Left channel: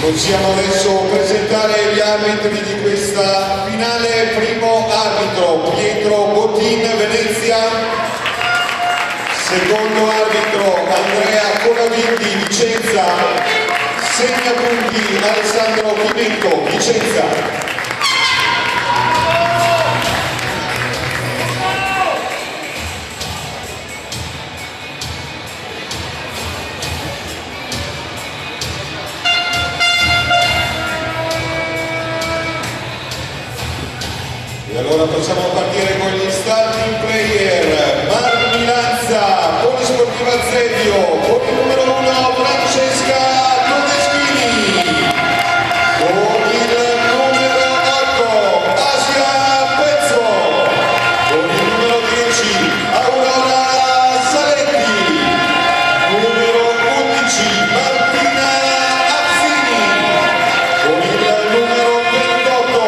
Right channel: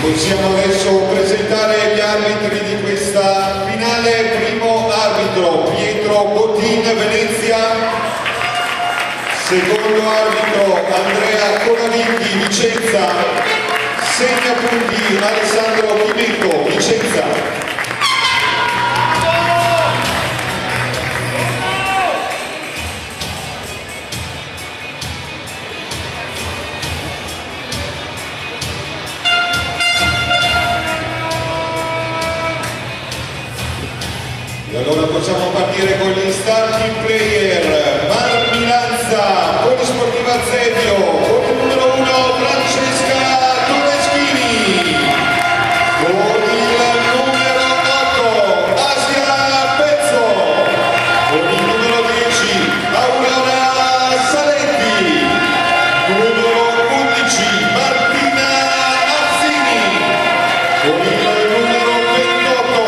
Possiamo adesso presentare gli arbitri di questa finale. Primo arbitro Pietro Bottin, Venezia. Secondo arbitro Andrea Colaviti, Vicenza. Segna punti Alessandro Chimecco, Vicenza. E allora possiamo partire con gli starting player. Marmi Lanza, Polisportiva Zevio, con il numero 1 Francesca Todeschini, con il numero 8 Asia Pezzo, con il numero 10 Aurora Saletti, numero 11 Martina Azzini, con il numero 28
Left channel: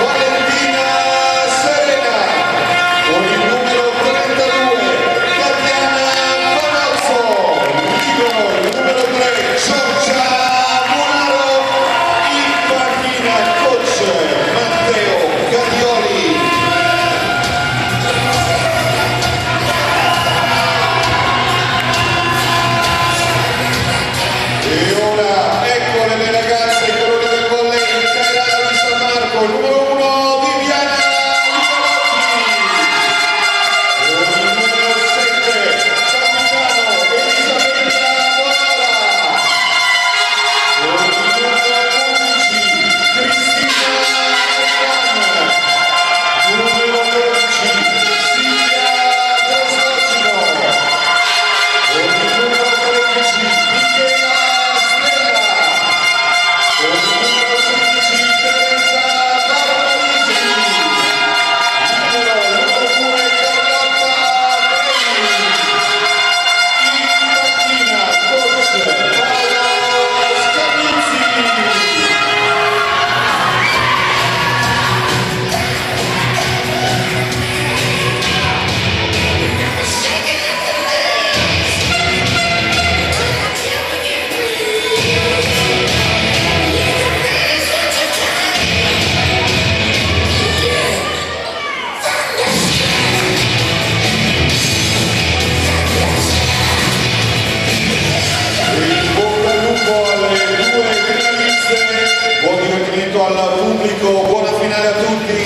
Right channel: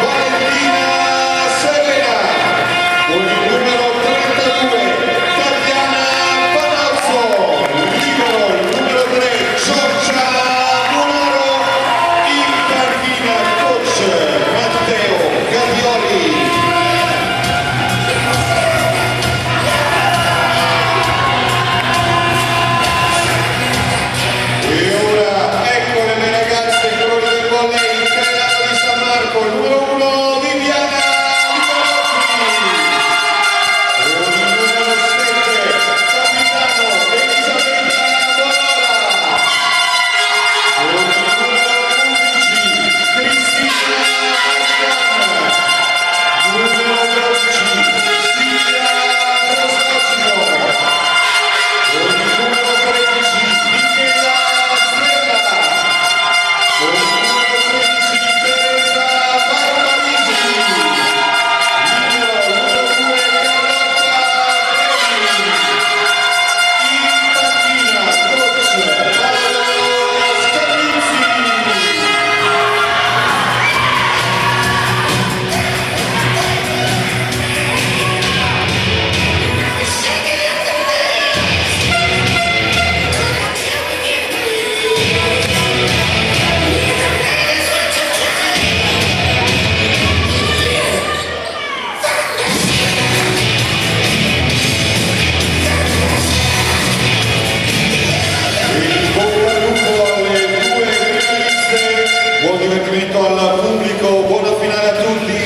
Valentina Serena, con il numero 32 Tatiana Panozzo, libero il numero 3 Giorgia Buonaro, in panchina coach Matteo Gavioli. E ora eccole le ragazze, i colori del volley, Cagliari San Marco, il numero 1 Viviana Nicolazzi, con il numero 7 capitano Elisabetta Bonara, con il numero 11 Cristina Ascan, numero 12 Silvia Prostacino, con il numero 13 Michela Stella, con il numero 16 Teresa Barbarisi, numero 2 Carlotta Breni, in panchina coach Paolo Scavizzi. In bocca al lupo alle due finaliste, buon divertimento al pubblico, buona finale a tutti.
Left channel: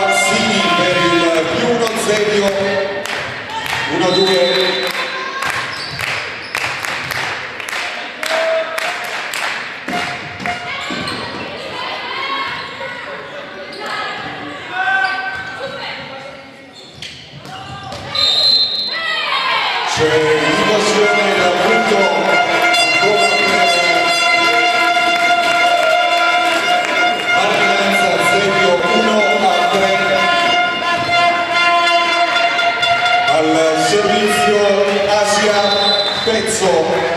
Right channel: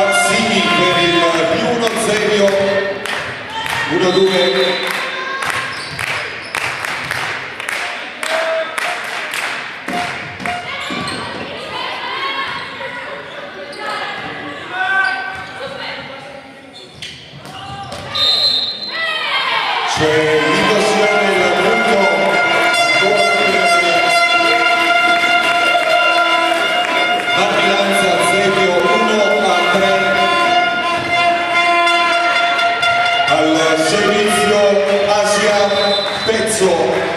Azzini per c'è l'invasione del punto ancora per Martinanza, Zebio 1-3 al servizio Asia Pezzo.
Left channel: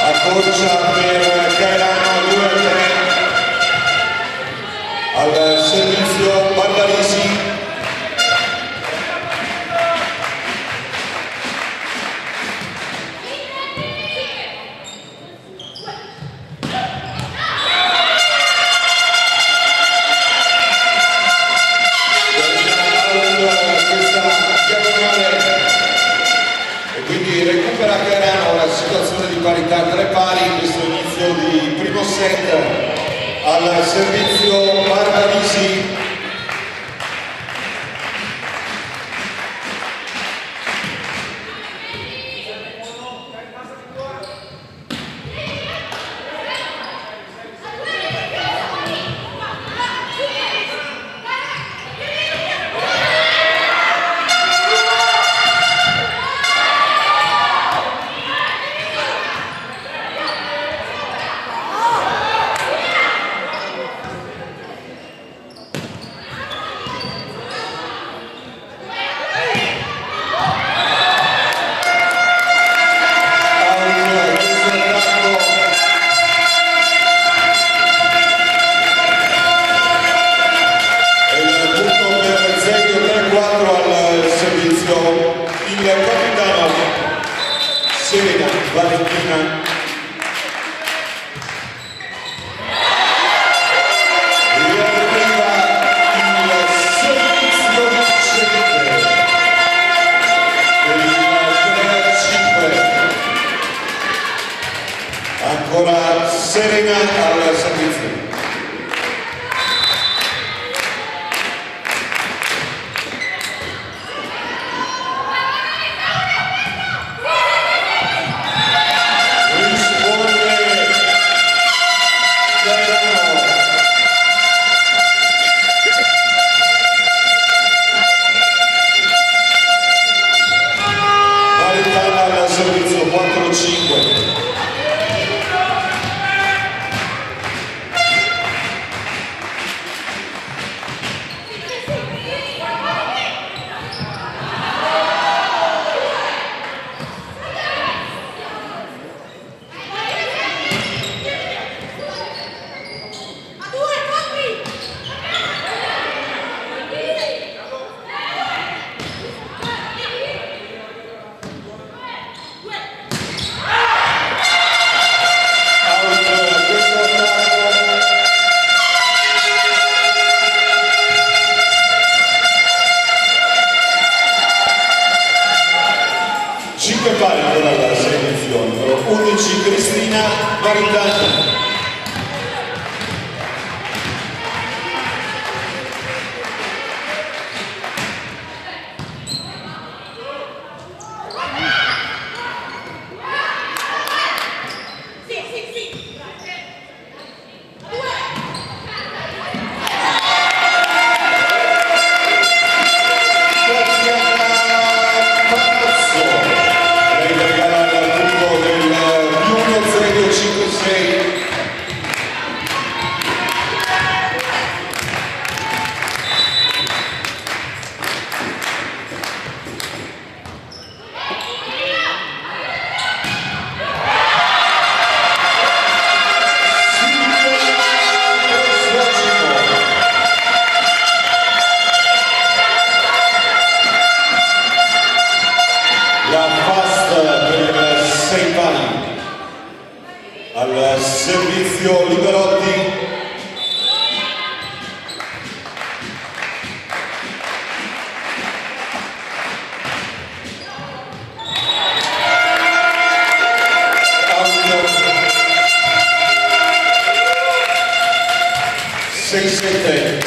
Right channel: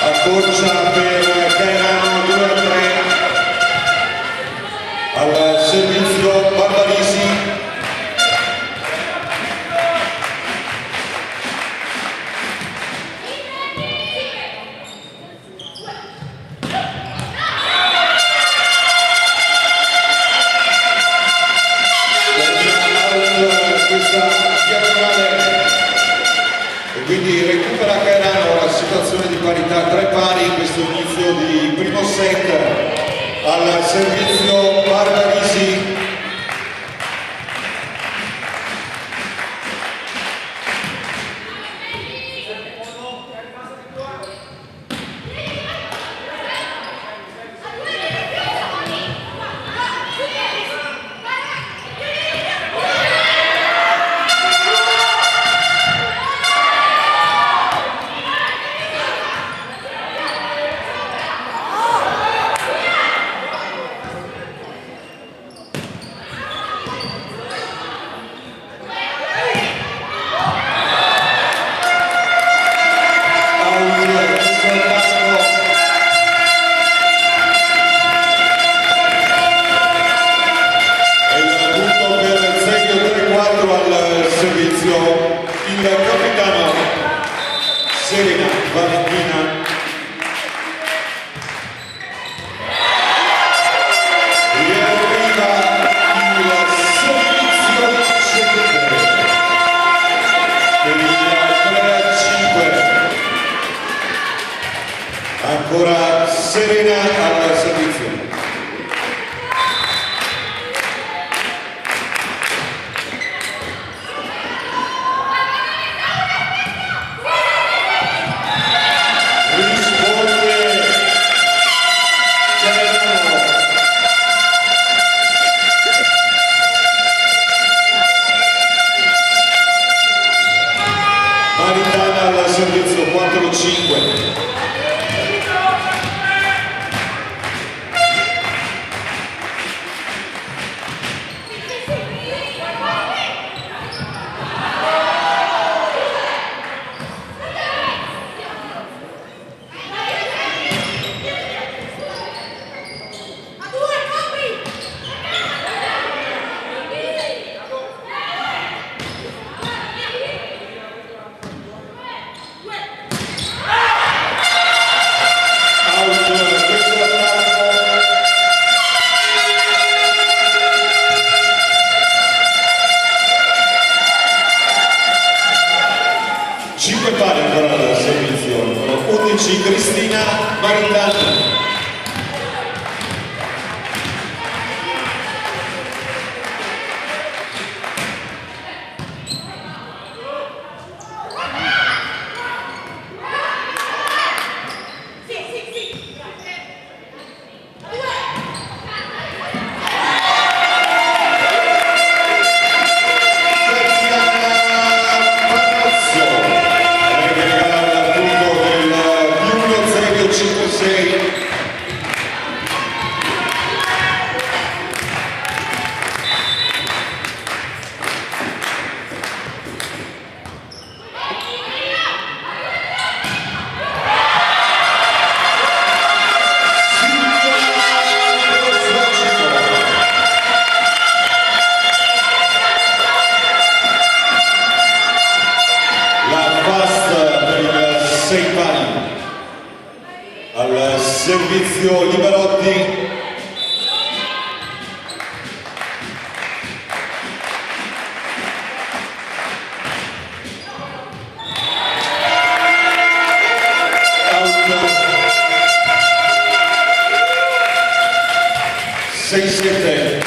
Accorcia per Cairano 2-3 al servizio Barbarisi. Quindi recupera Cairano la situazione di parità 3 pari in questo inizio di primo set al servizio Barbarisi. Il capitano Serena Valentina e arriva il servizio 7 per il 3-5. Ancora Serena al servizio. Al servizio 4-5. Pare ancora dal servizio, numero 11 Cristina Maritano. Al servizio Liberotti. Out 6-7.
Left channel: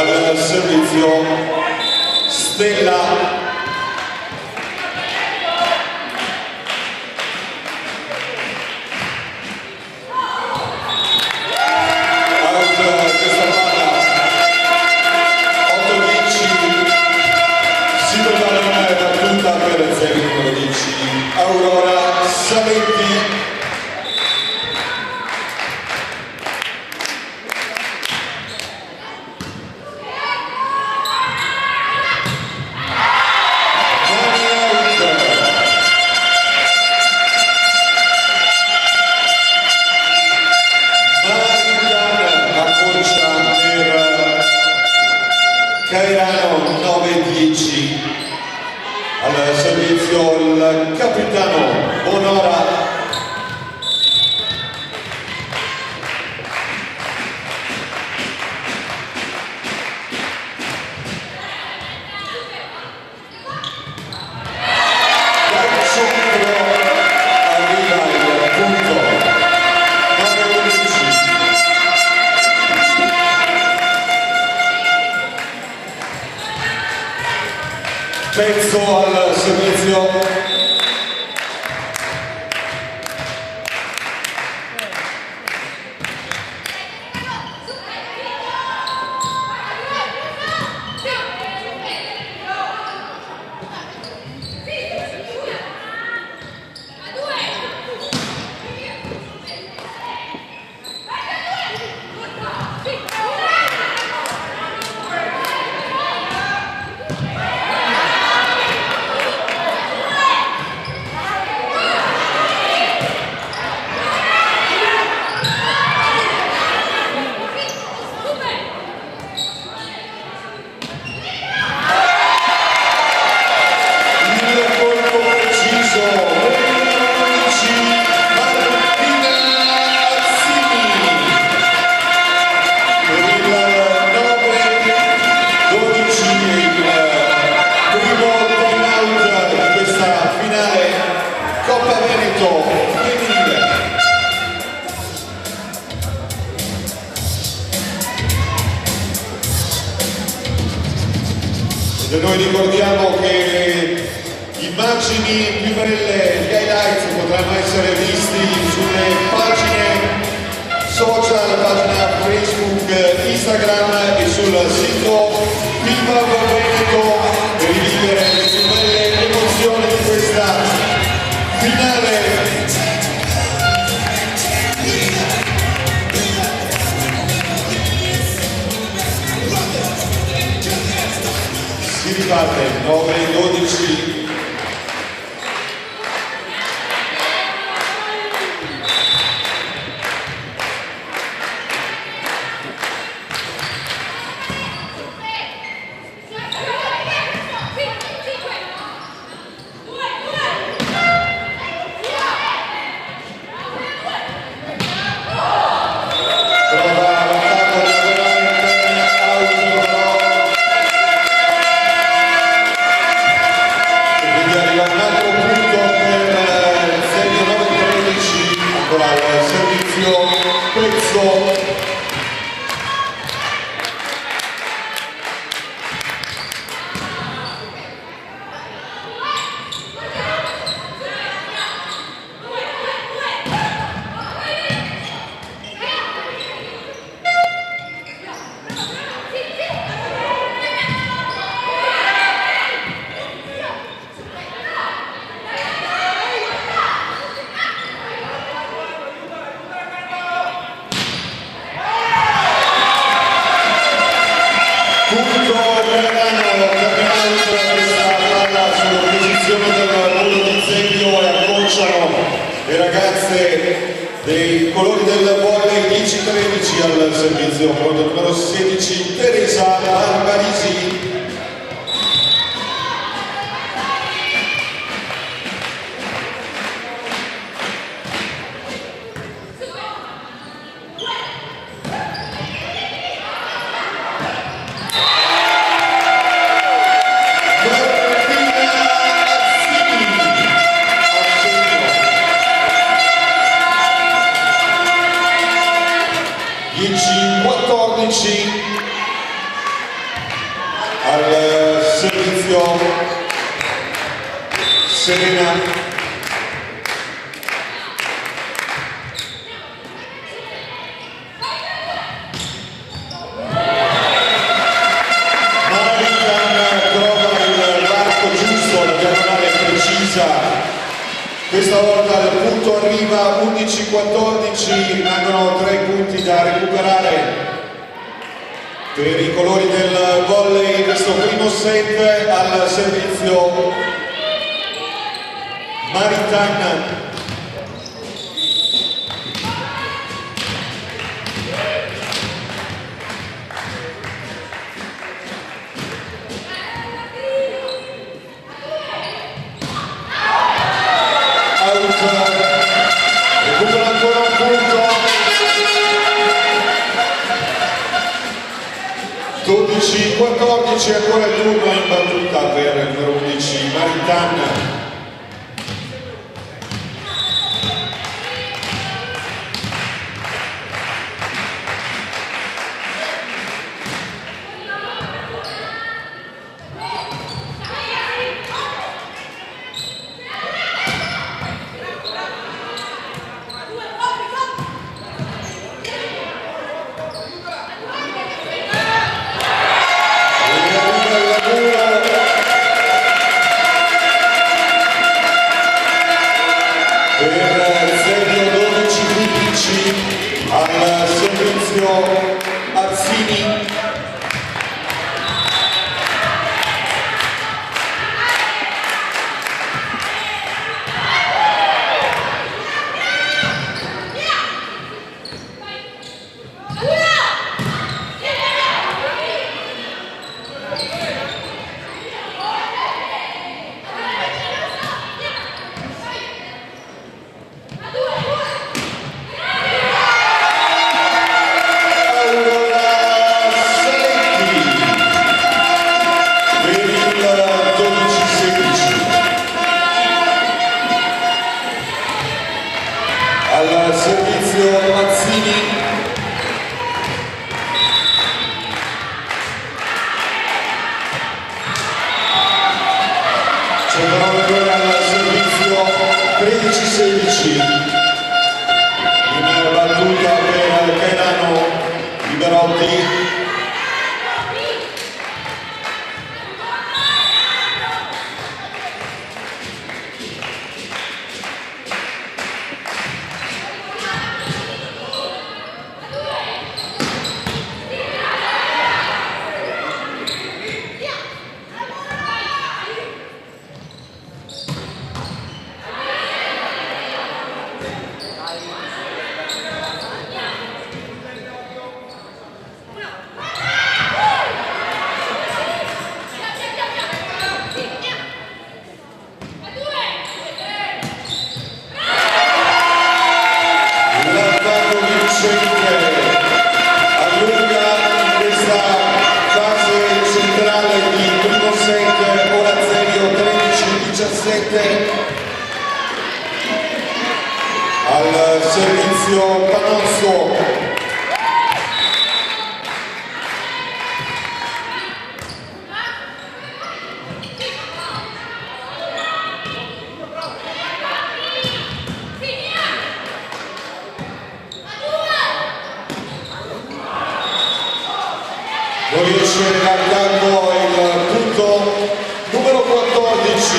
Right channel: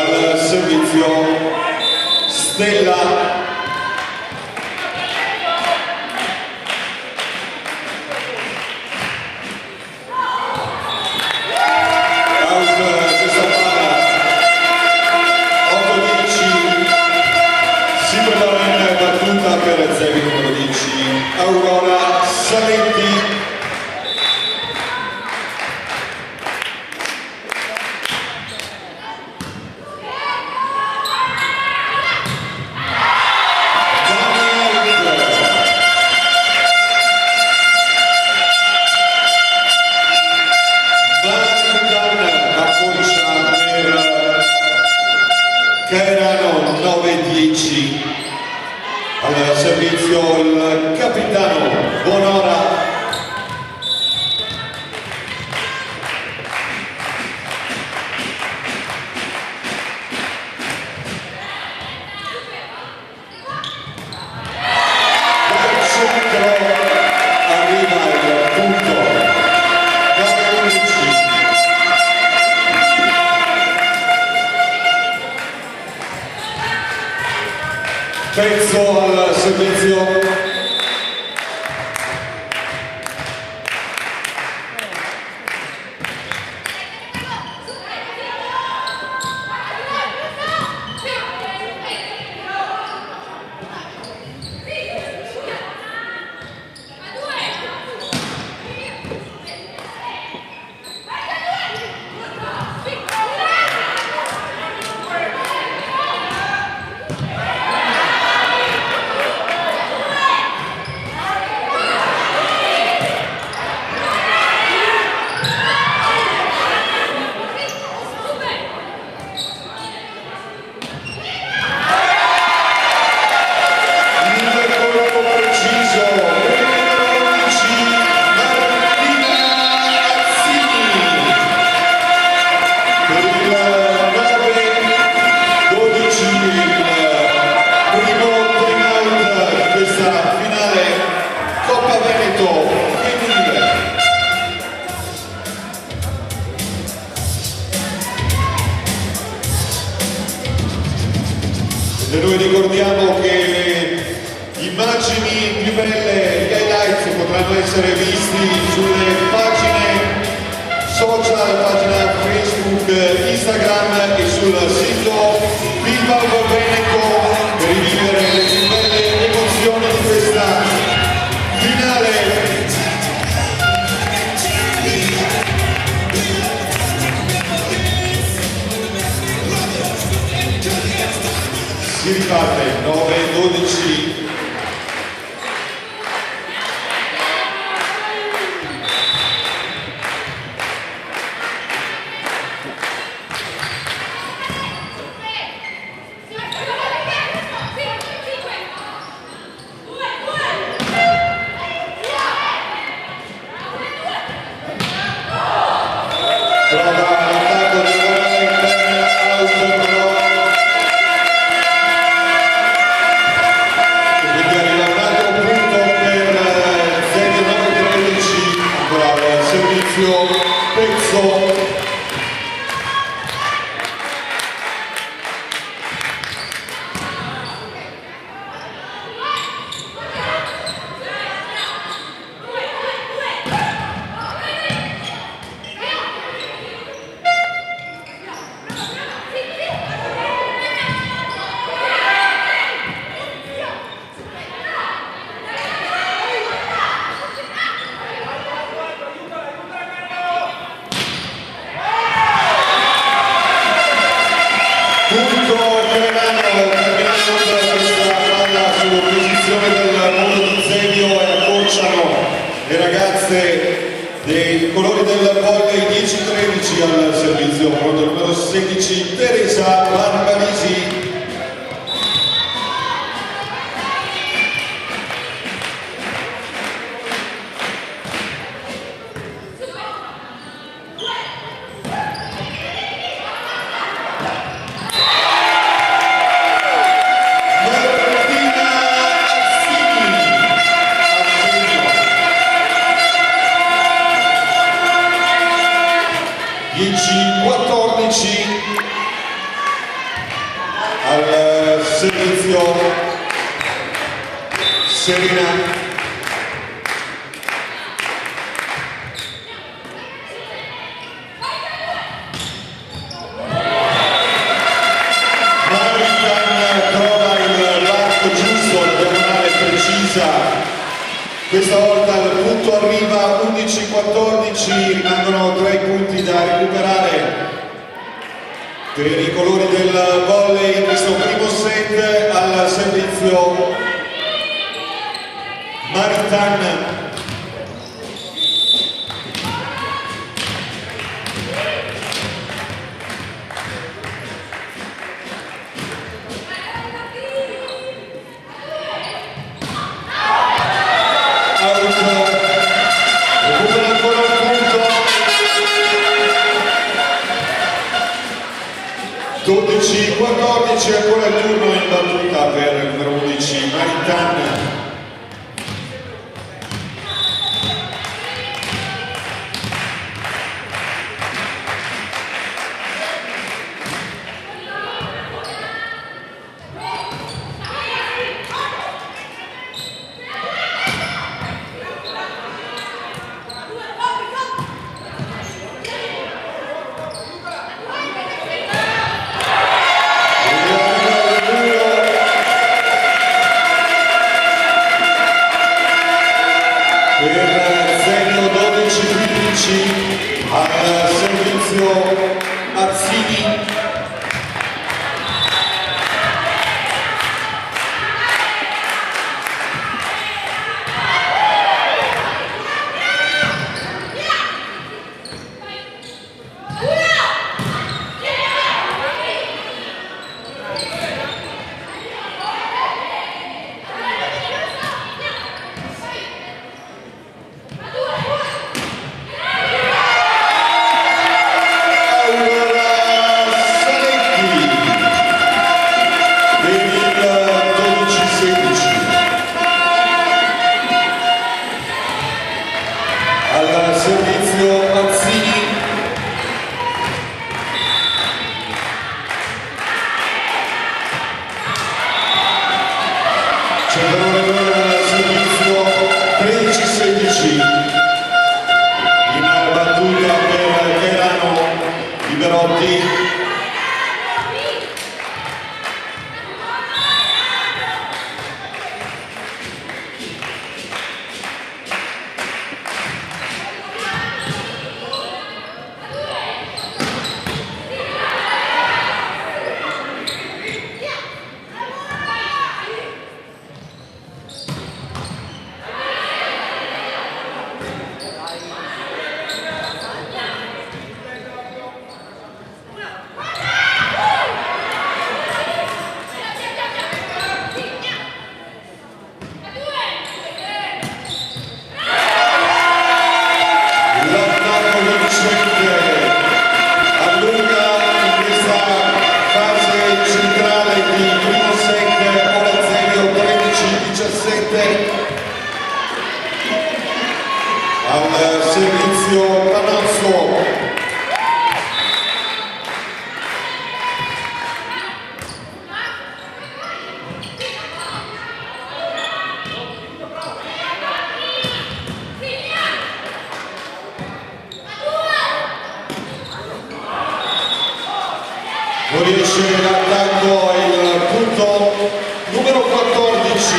al servizio Stella. Aurora Salenti. Cairano 9-10. Al servizio il capitano Bonora. Dal centro arriva il punto. Pezzo al servizio noi ricordiamo che le immagini più belle, gli highlights potranno essere visti sulle pagine social, pagina Facebook, Instagram e sul sito Viva il Veneto per rivivere le più belle emozioni di questa finale. Si riparte 9-12. Pezzo. Le ragazze dei colori del volley 10-13 al servizio con il numero 16 Teresa Barbarisi. Martina 14 al servizio Serena. Questa volta il punto arriva 11-14, rimangono 3 punti da recuperare per i colori del volley in questo primo set. Al servizio Maritan. Ancora il turno in battuta per il numero 11 Maritan. Al servizio Azzini. Al servizio Mazzini. C'è al servizio 13-16. In battuta per Kerano Liberotti. Al servizio Canosso. Non riesce l'attacco il punto numero 14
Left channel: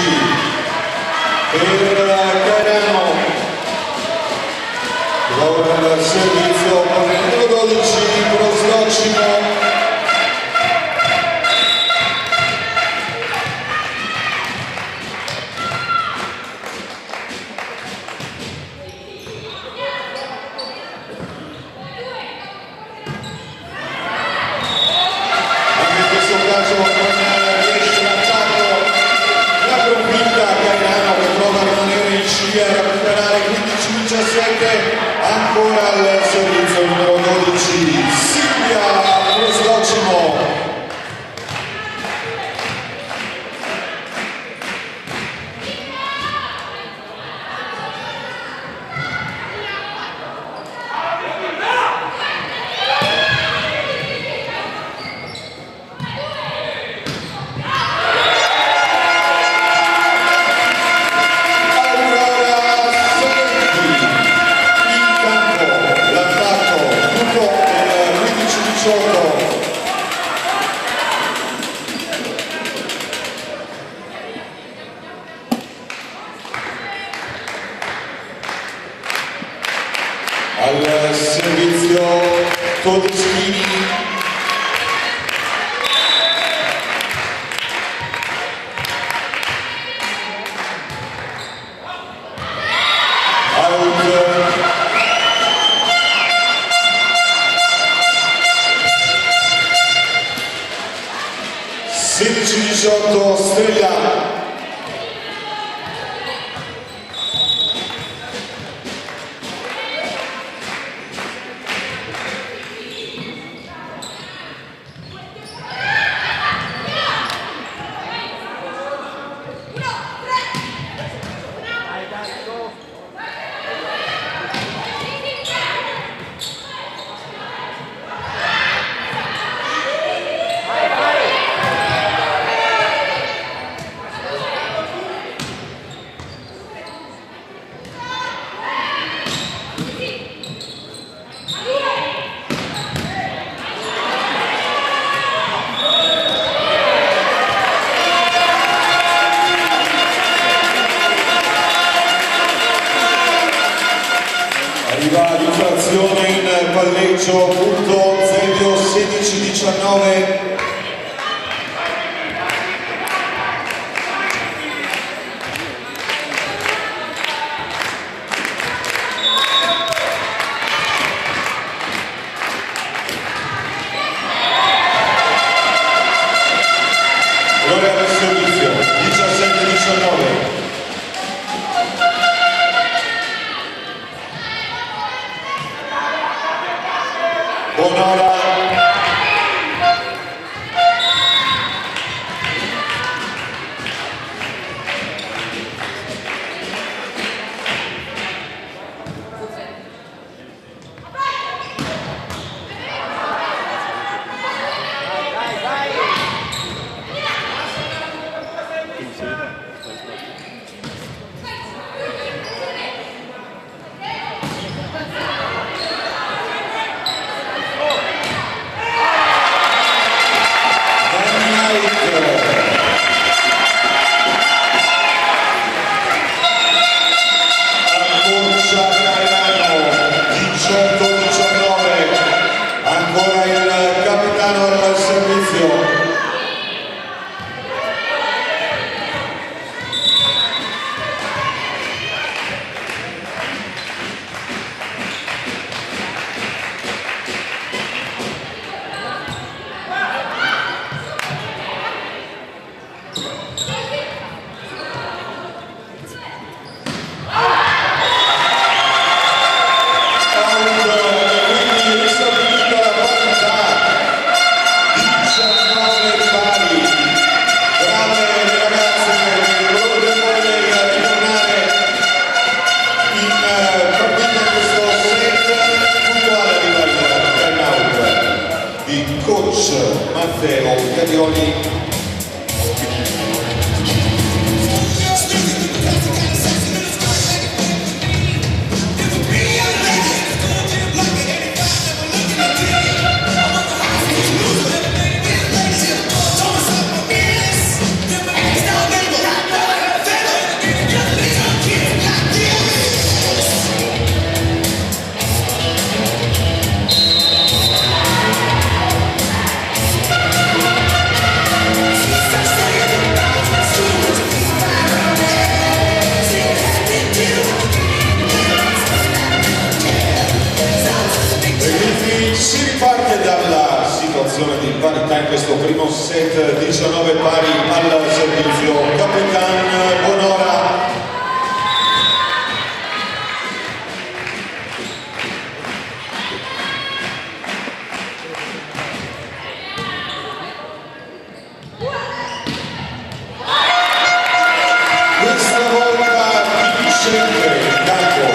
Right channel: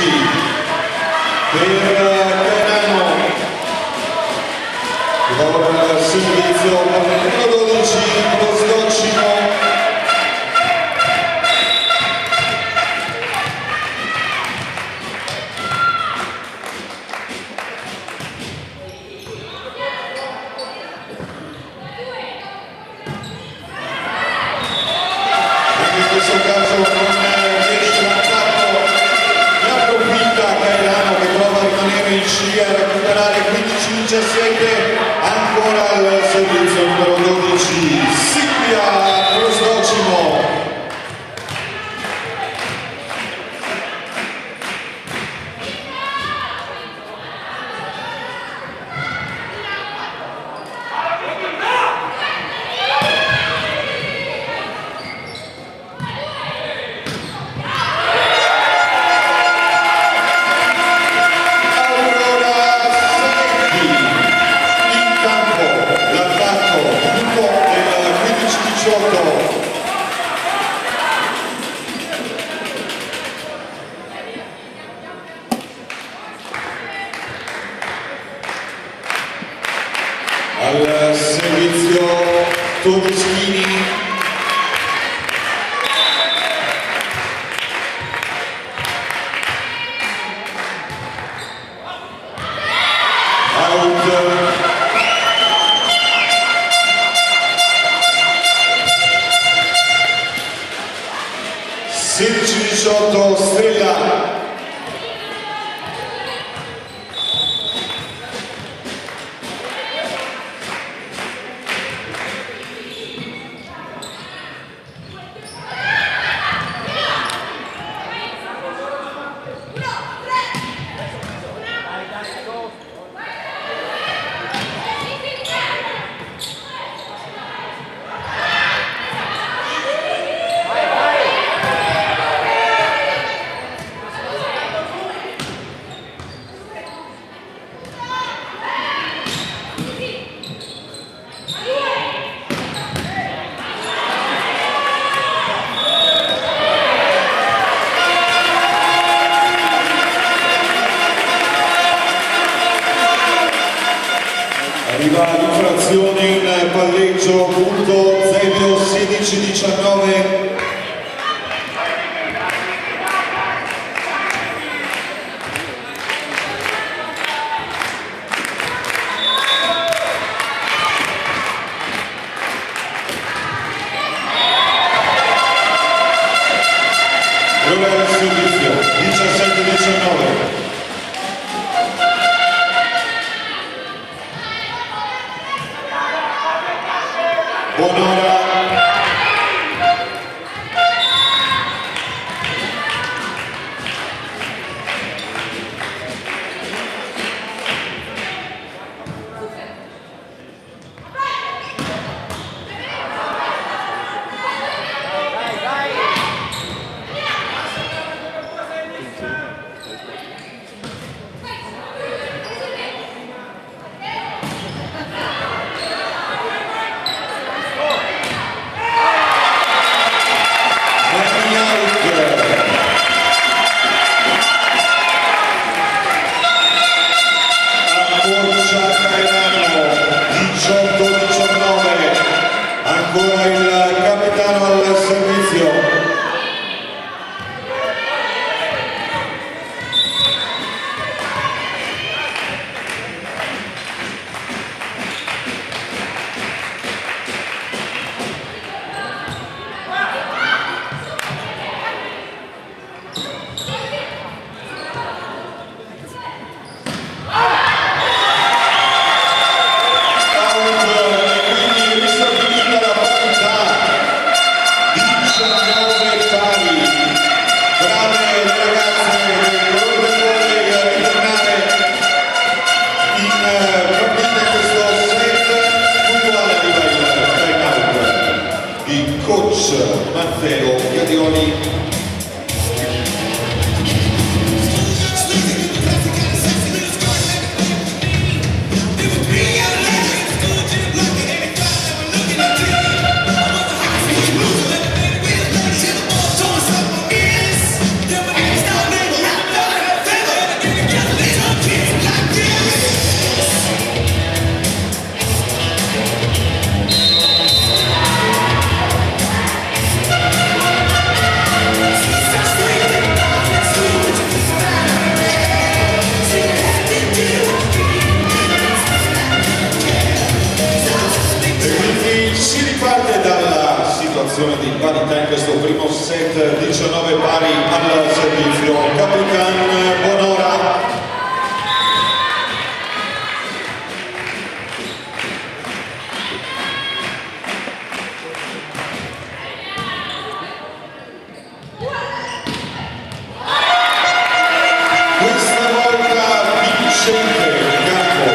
per Kerano. Lavora al servizio per il numero 12 Broscocino. In questo caso non riesce l'attacco, la approfitta Kerano che prova a rimanere in scia, a recuperare 15-17. Ancora al servizio Todeschini. Out. 16-18 Strella. Arriva l'infrazione in palleggio, punto 0-16-19. Ora il servizio, 17-19. Bonora. Ancora il capitano al servizio. Matteo Cadioli. Di parità in questo primo set, 19 pari al servizio. Capitan Bonora. Questa volta vincente il campo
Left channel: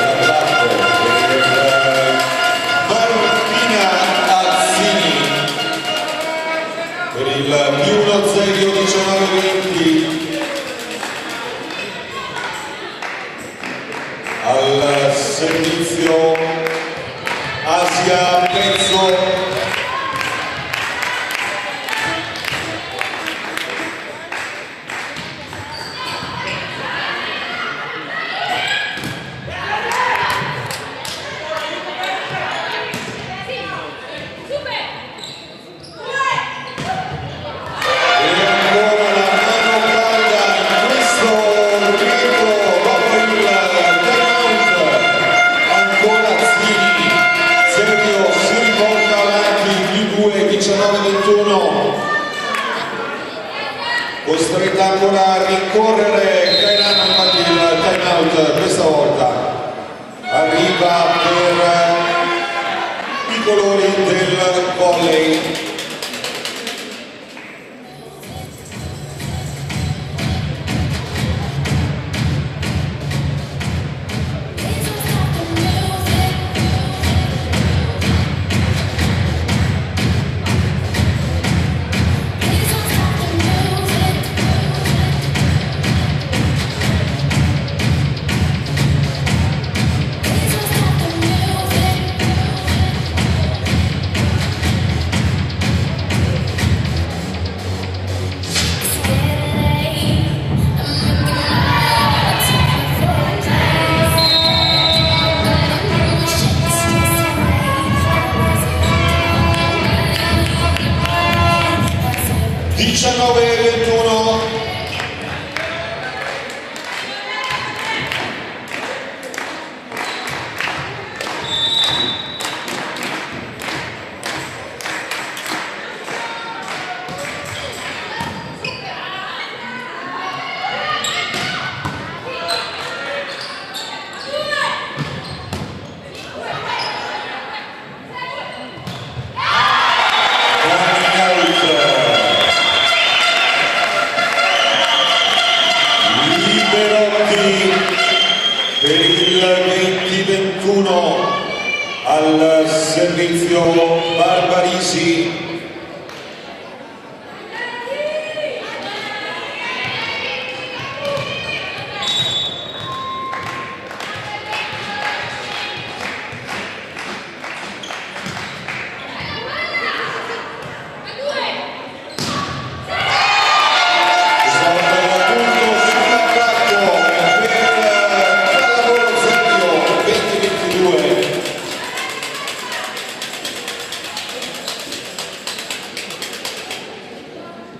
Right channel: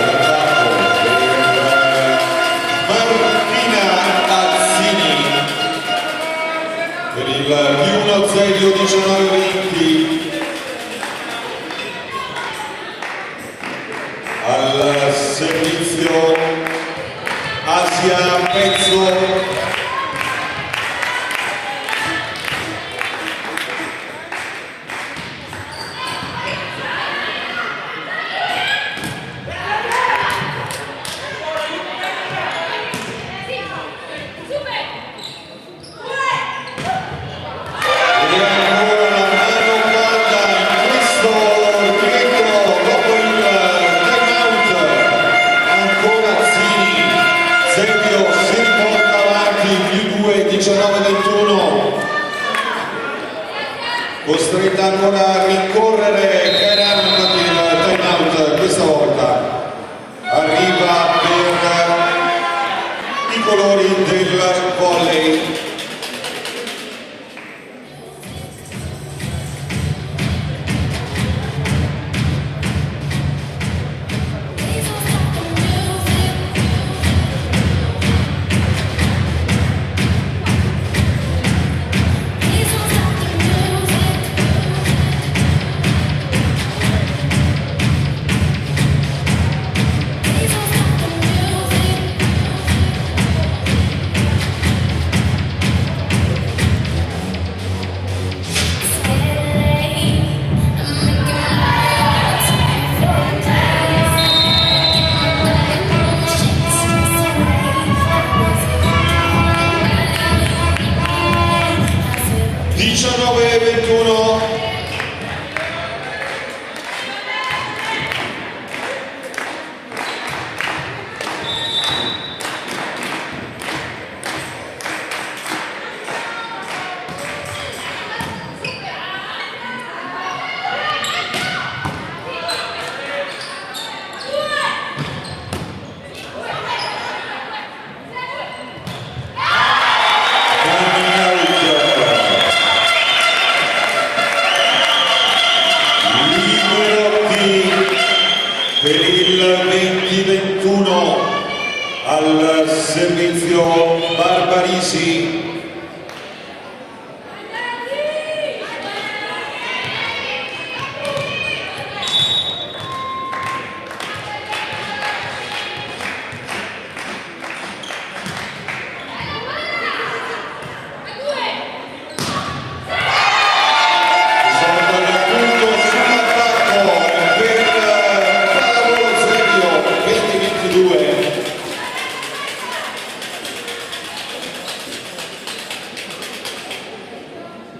per il più 1-0-19-20 al servizio Asia Pezzo. costretta ancora a rincorrere Kairan, infatti il time out questa volta arriva per i colori del volley. Per il 20-21 al servizio Barbarisi.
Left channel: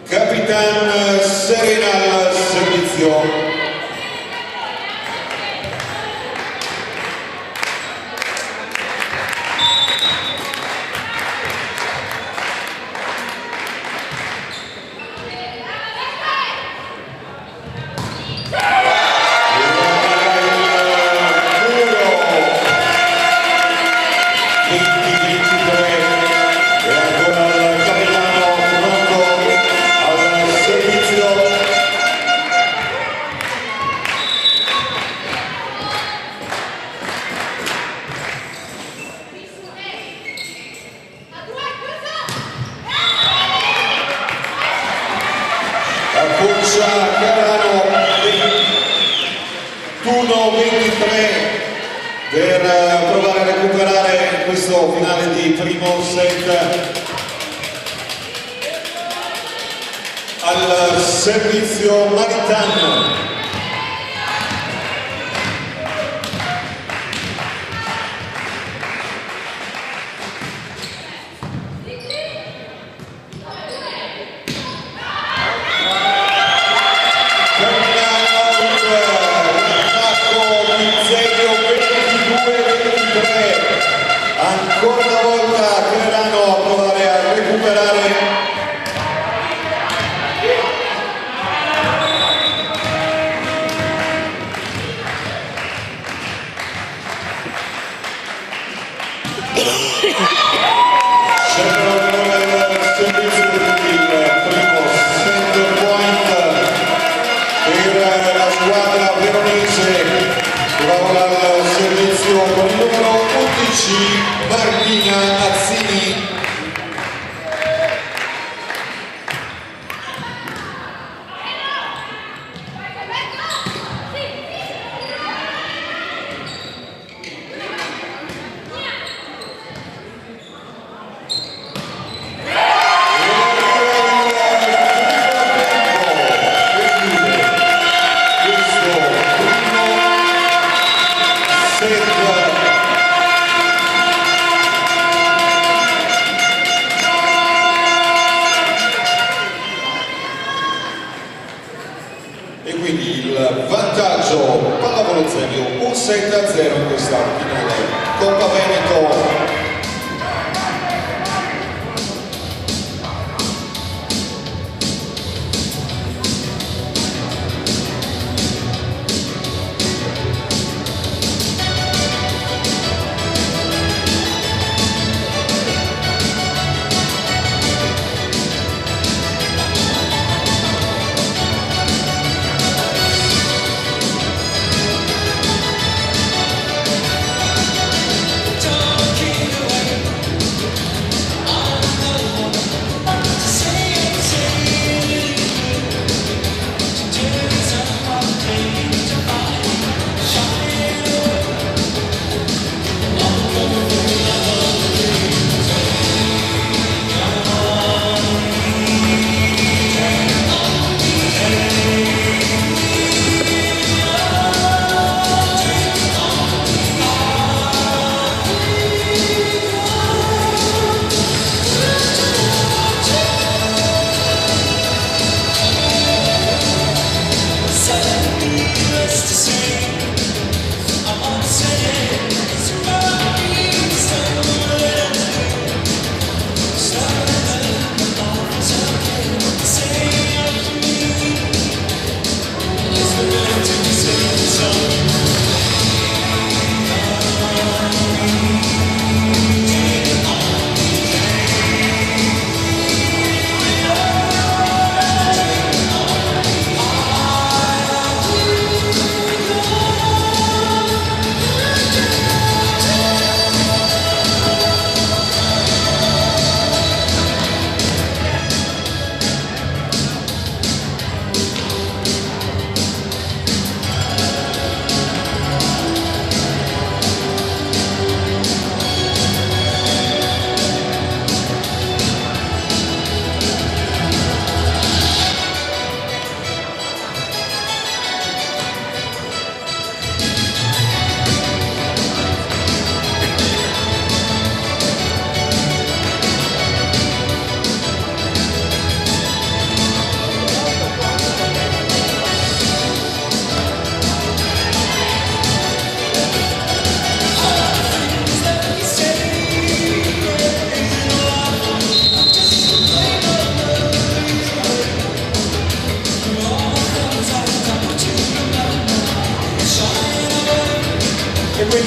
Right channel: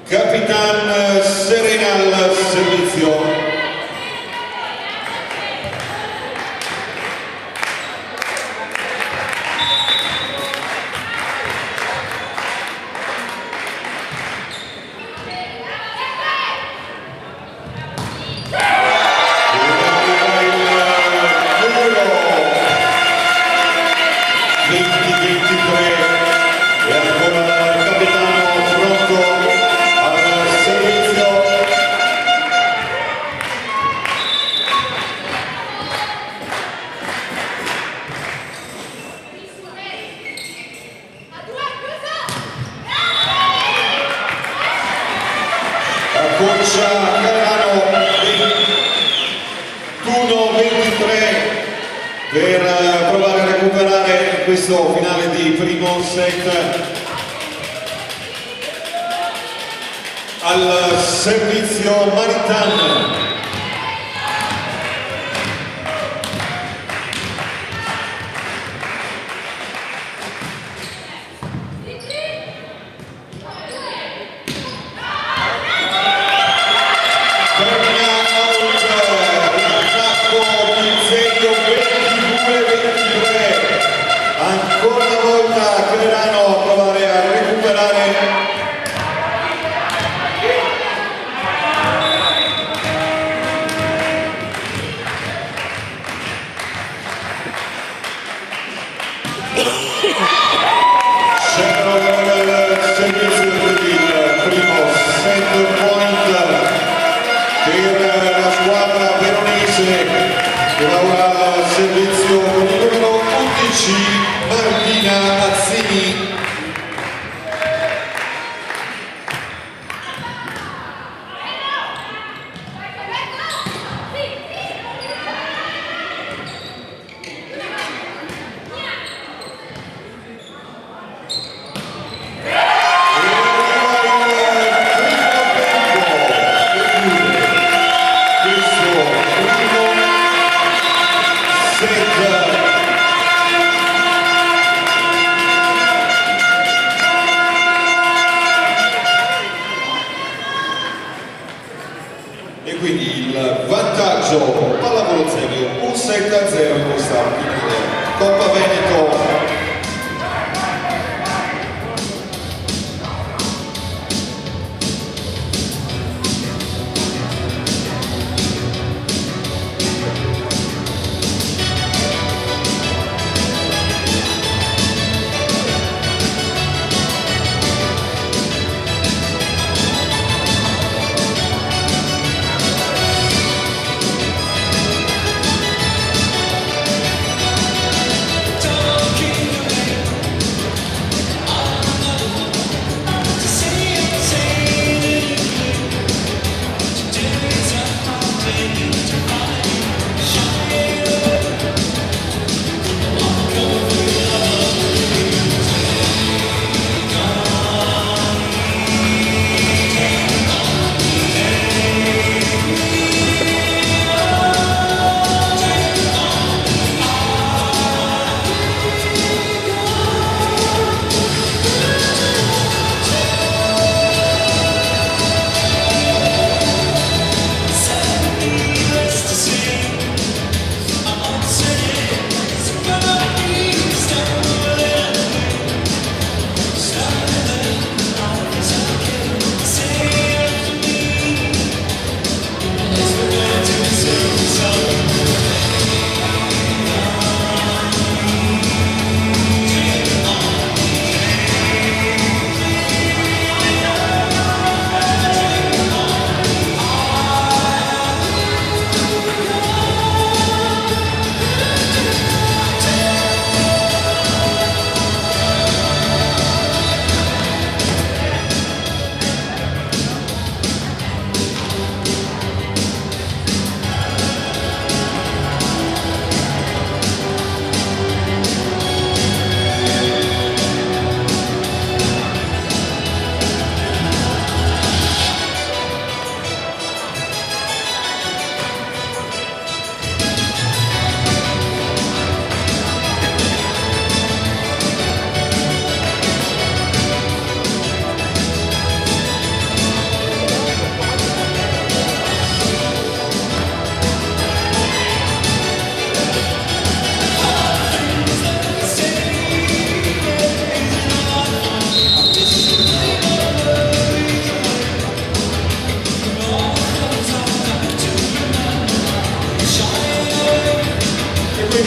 Capitan Serena al servizio. Concia Carano 21-23 per provare a recuperare questo finale di primo set. Al servizio Maritan. Ancora una volta Carano a provare a recuperare. Siamo al servizio del primo set point per la squadra bernese, trova al servizio con il numero 11 Martina Mazzini. E quindi il vantaggio pallavolo Zebio 1-7-0 in questa finale Coppa Veneto.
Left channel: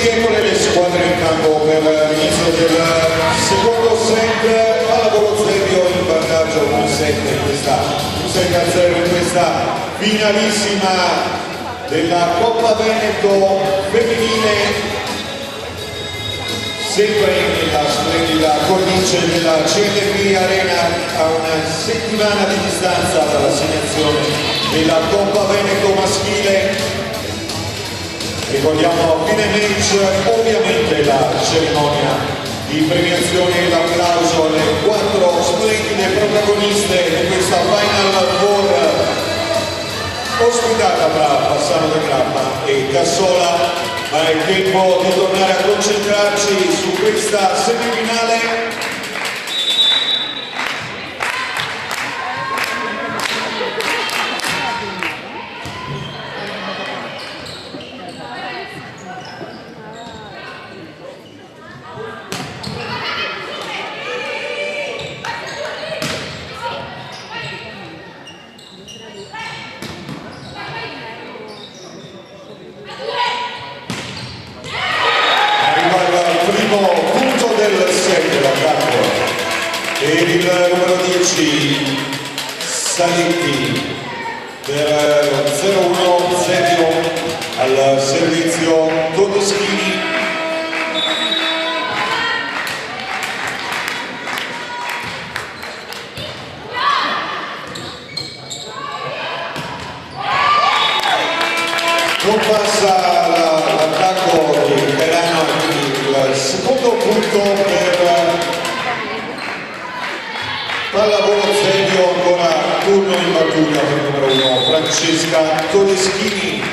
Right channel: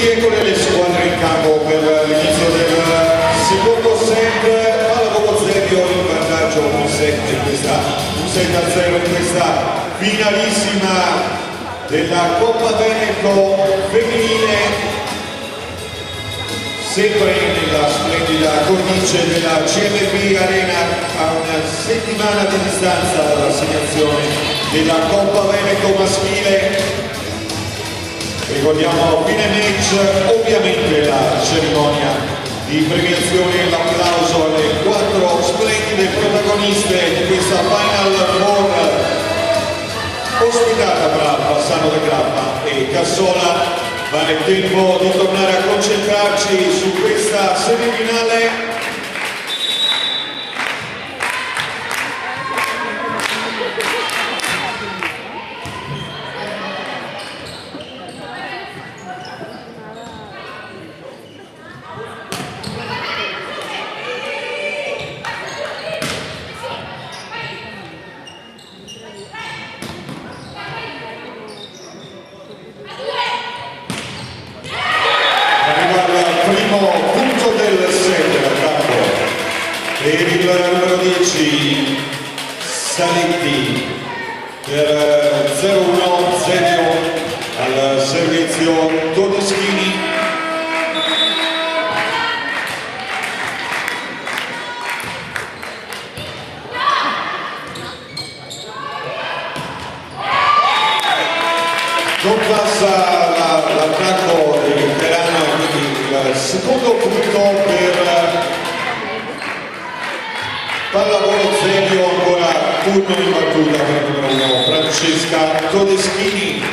eccole le squadre in campo per l'inizio del secondo set. Pallavolo Zevio in vantaggio 1-7 in questa finalissima della Coppa Veneto femminile, sempre nella splendida cornice della CLB Arena, a una settimana di distanza dall'assegnazione della Coppa Veneto maschile. Ricordiamo a fine match ovviamente la cerimonia di premiazione e l'applauso alle 4 splendide protagoniste di questa Final Four ospitata da Bassano del Grappa e Cassola, ma è tempo di tornare a concentrarci su questa semifinale. Per il numero 10 Saletti per 0-1 Zevio al servizio Todeschini. Non passa l'attacco di Perano, quindi il secondo punto per Pallavolo Zevio, ancora turno in battuta per il numero 1 Francesca Todeschini.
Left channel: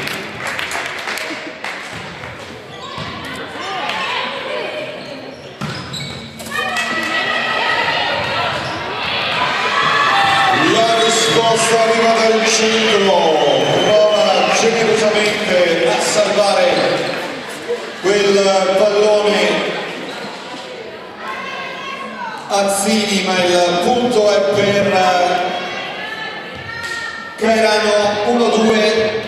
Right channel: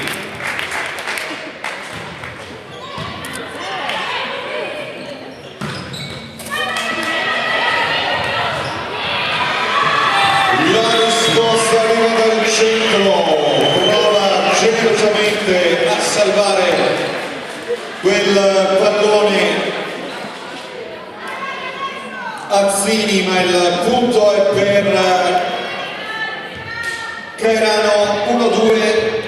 La risposta arriva dal centro, prova generosamente a salvare quel pallone Azzini, ma il punto è per Cairano. 1-2.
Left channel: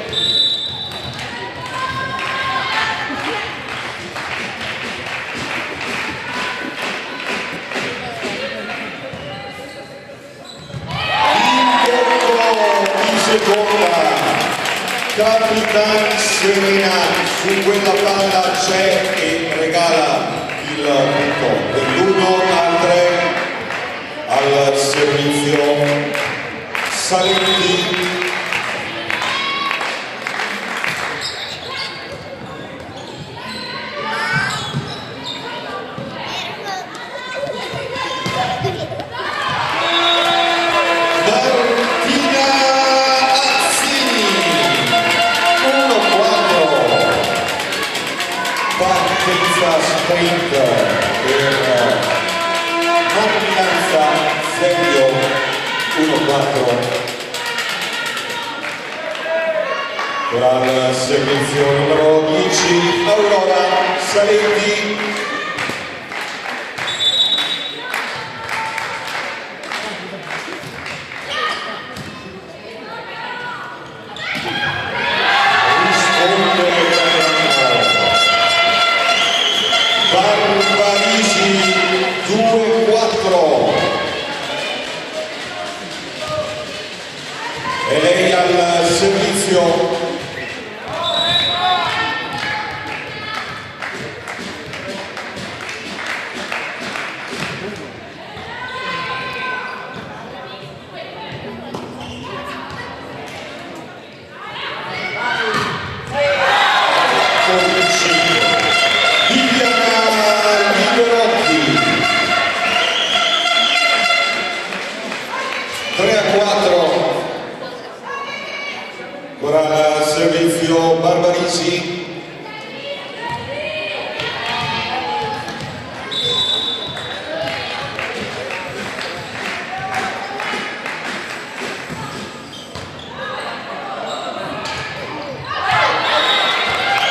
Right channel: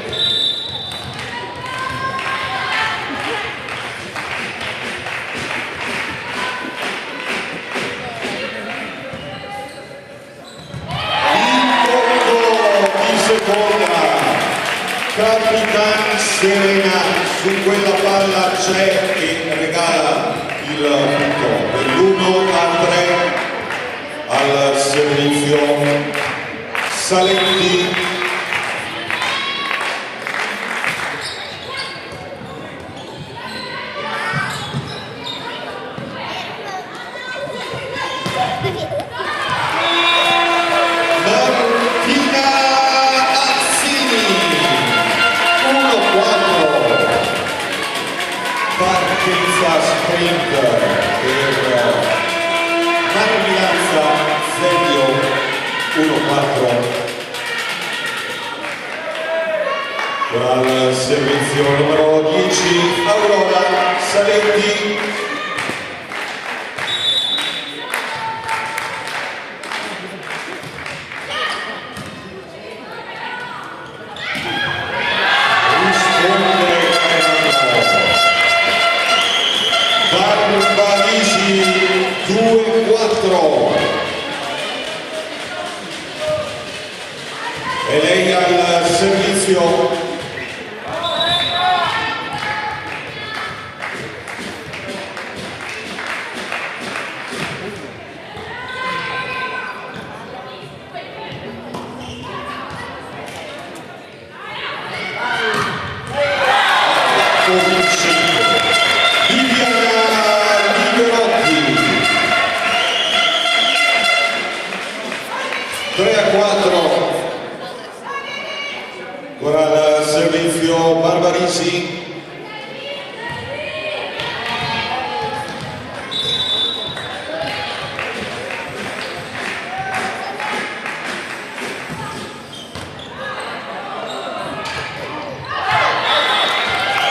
Capitani Serena su quella palla c'è e regala il punto dell'1-3 al servizio Saletti. Partenza sprint per Marmilanza Zevio 1-4 al servizio numero 10 Aurora Saletti. Barbarisi 2-4 e lei al servizio ora al servizio Barbarisi.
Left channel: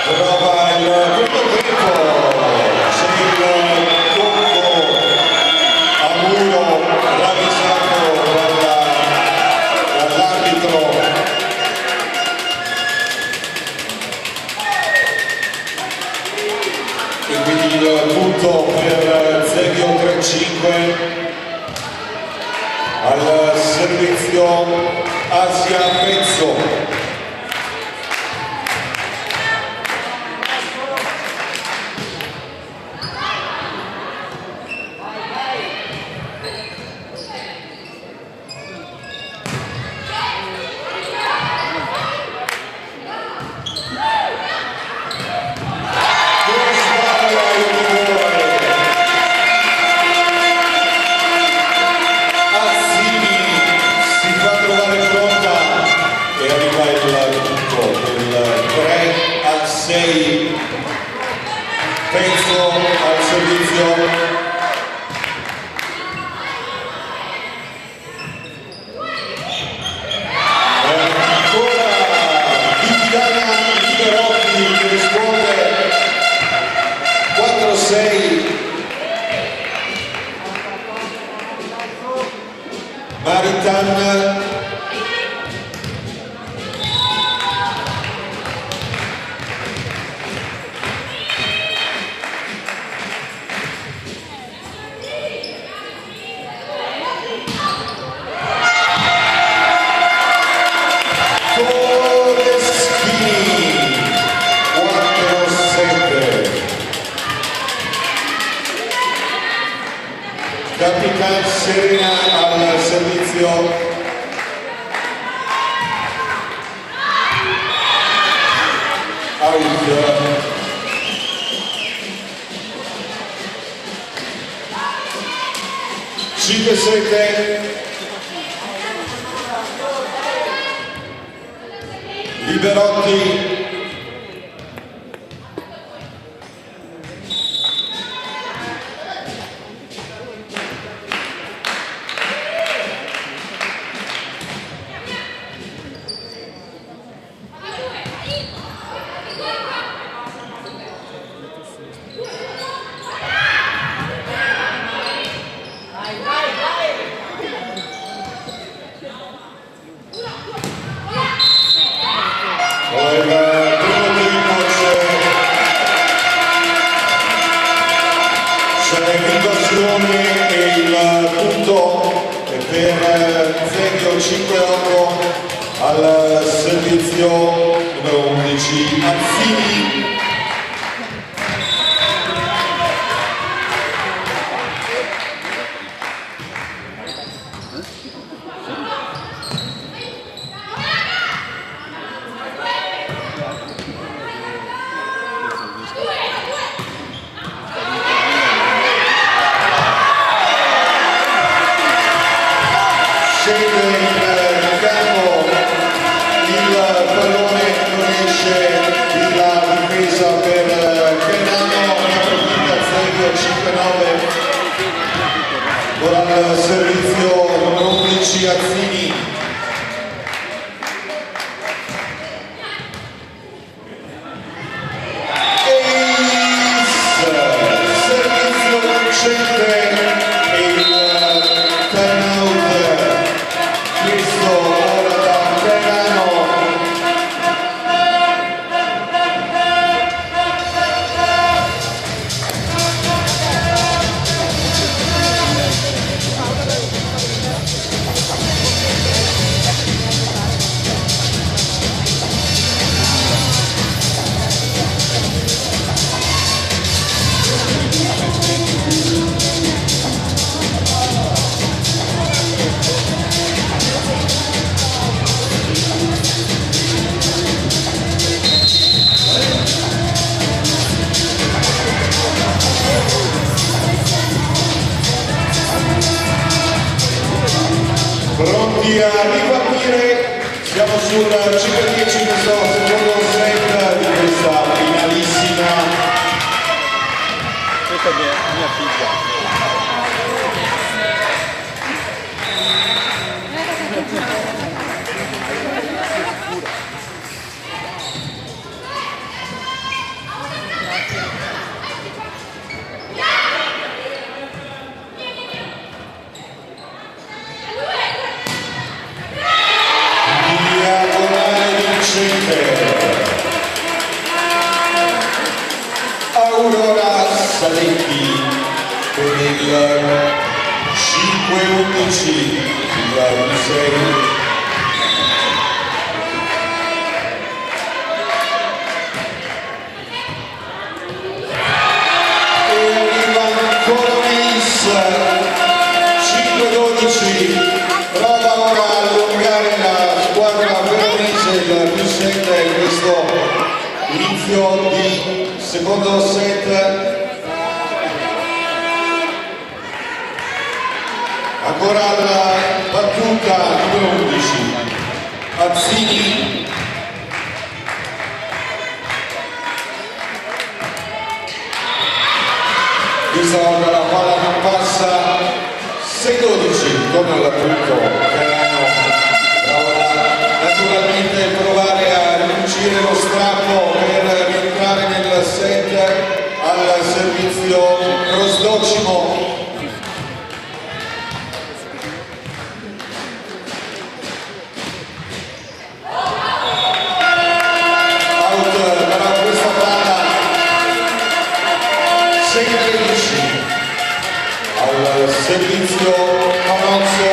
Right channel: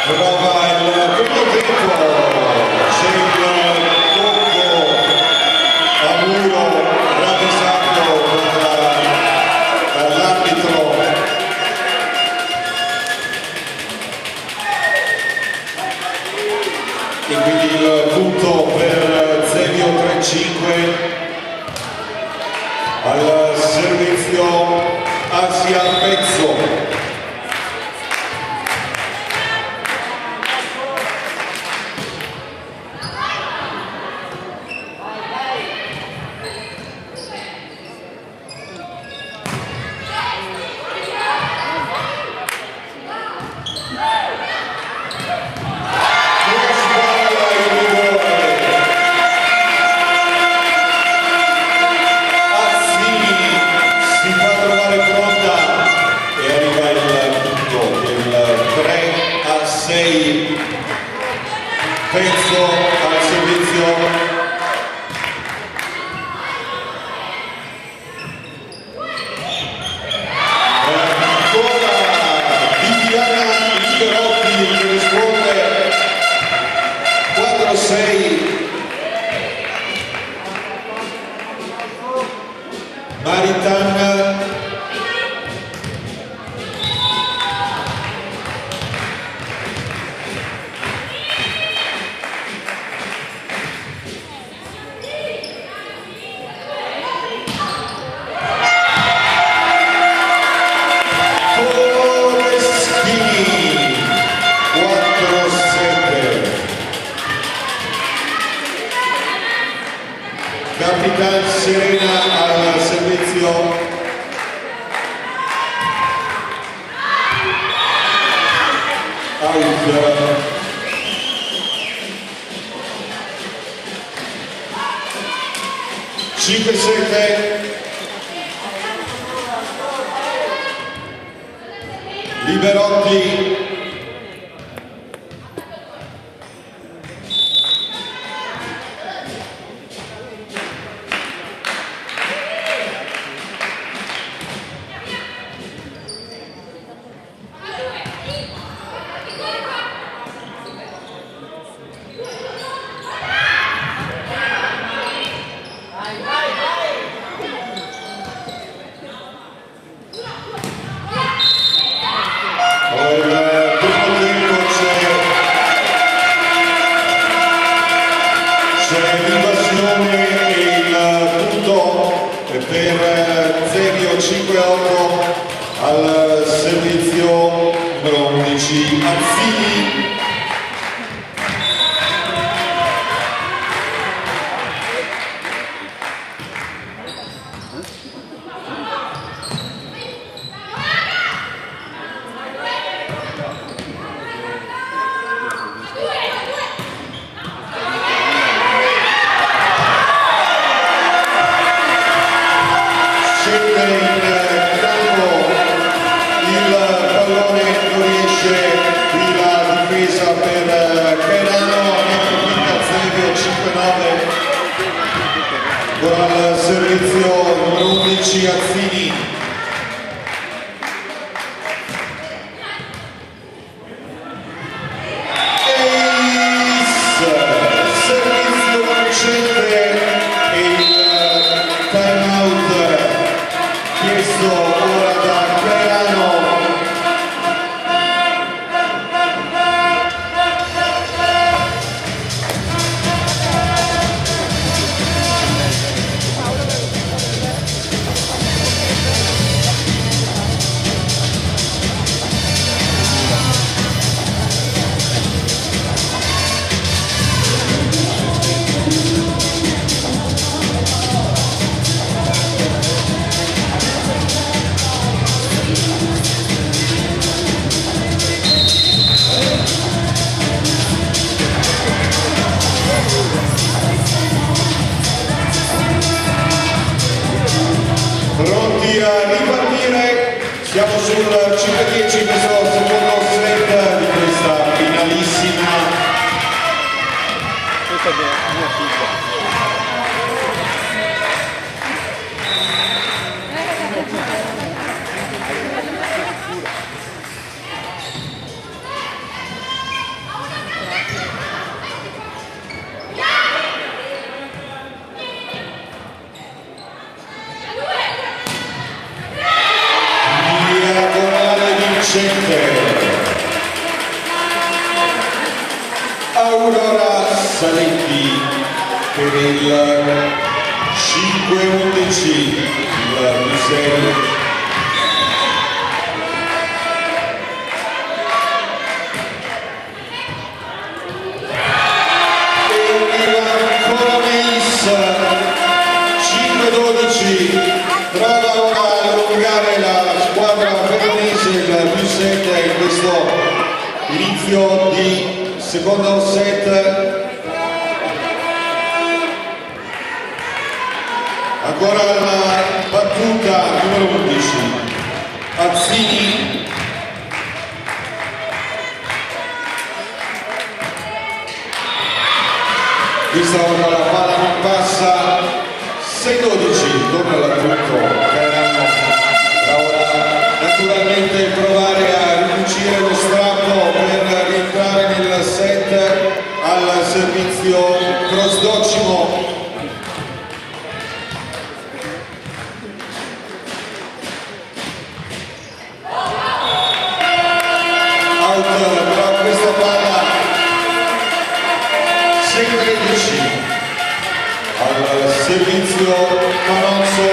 Prova il primo tempo, c'è il tocco a muro ravvisato dall'arbitro. affronta e arriva il punto del 3-6, penso al servizio. Maritan Capitan Serena al servizio. Out. 5-7. Liberotti. Per Zevio 5-8 al servizio numero 11 Azzini. Al servizio numero 11 Azzini. Servizio vincente e il time out chiesto ora da Crenano. Pronti a ripartire, siamo sul 5-10 questo secondo set di questa finalissima. Questa è mia figlia. Aurora Saletti per il 5-11 il museo. Prova a allungare la squadra veronese del più 7 in questo inizio di secondo set. Ancora la battuta numero 11. ora la palla non passa, 6-12, torna all'appunto Cairano, naturalmente provare a riuscire lo strappo per rientrare nel set al servizio cross-docimo. Al servizio Manozzo.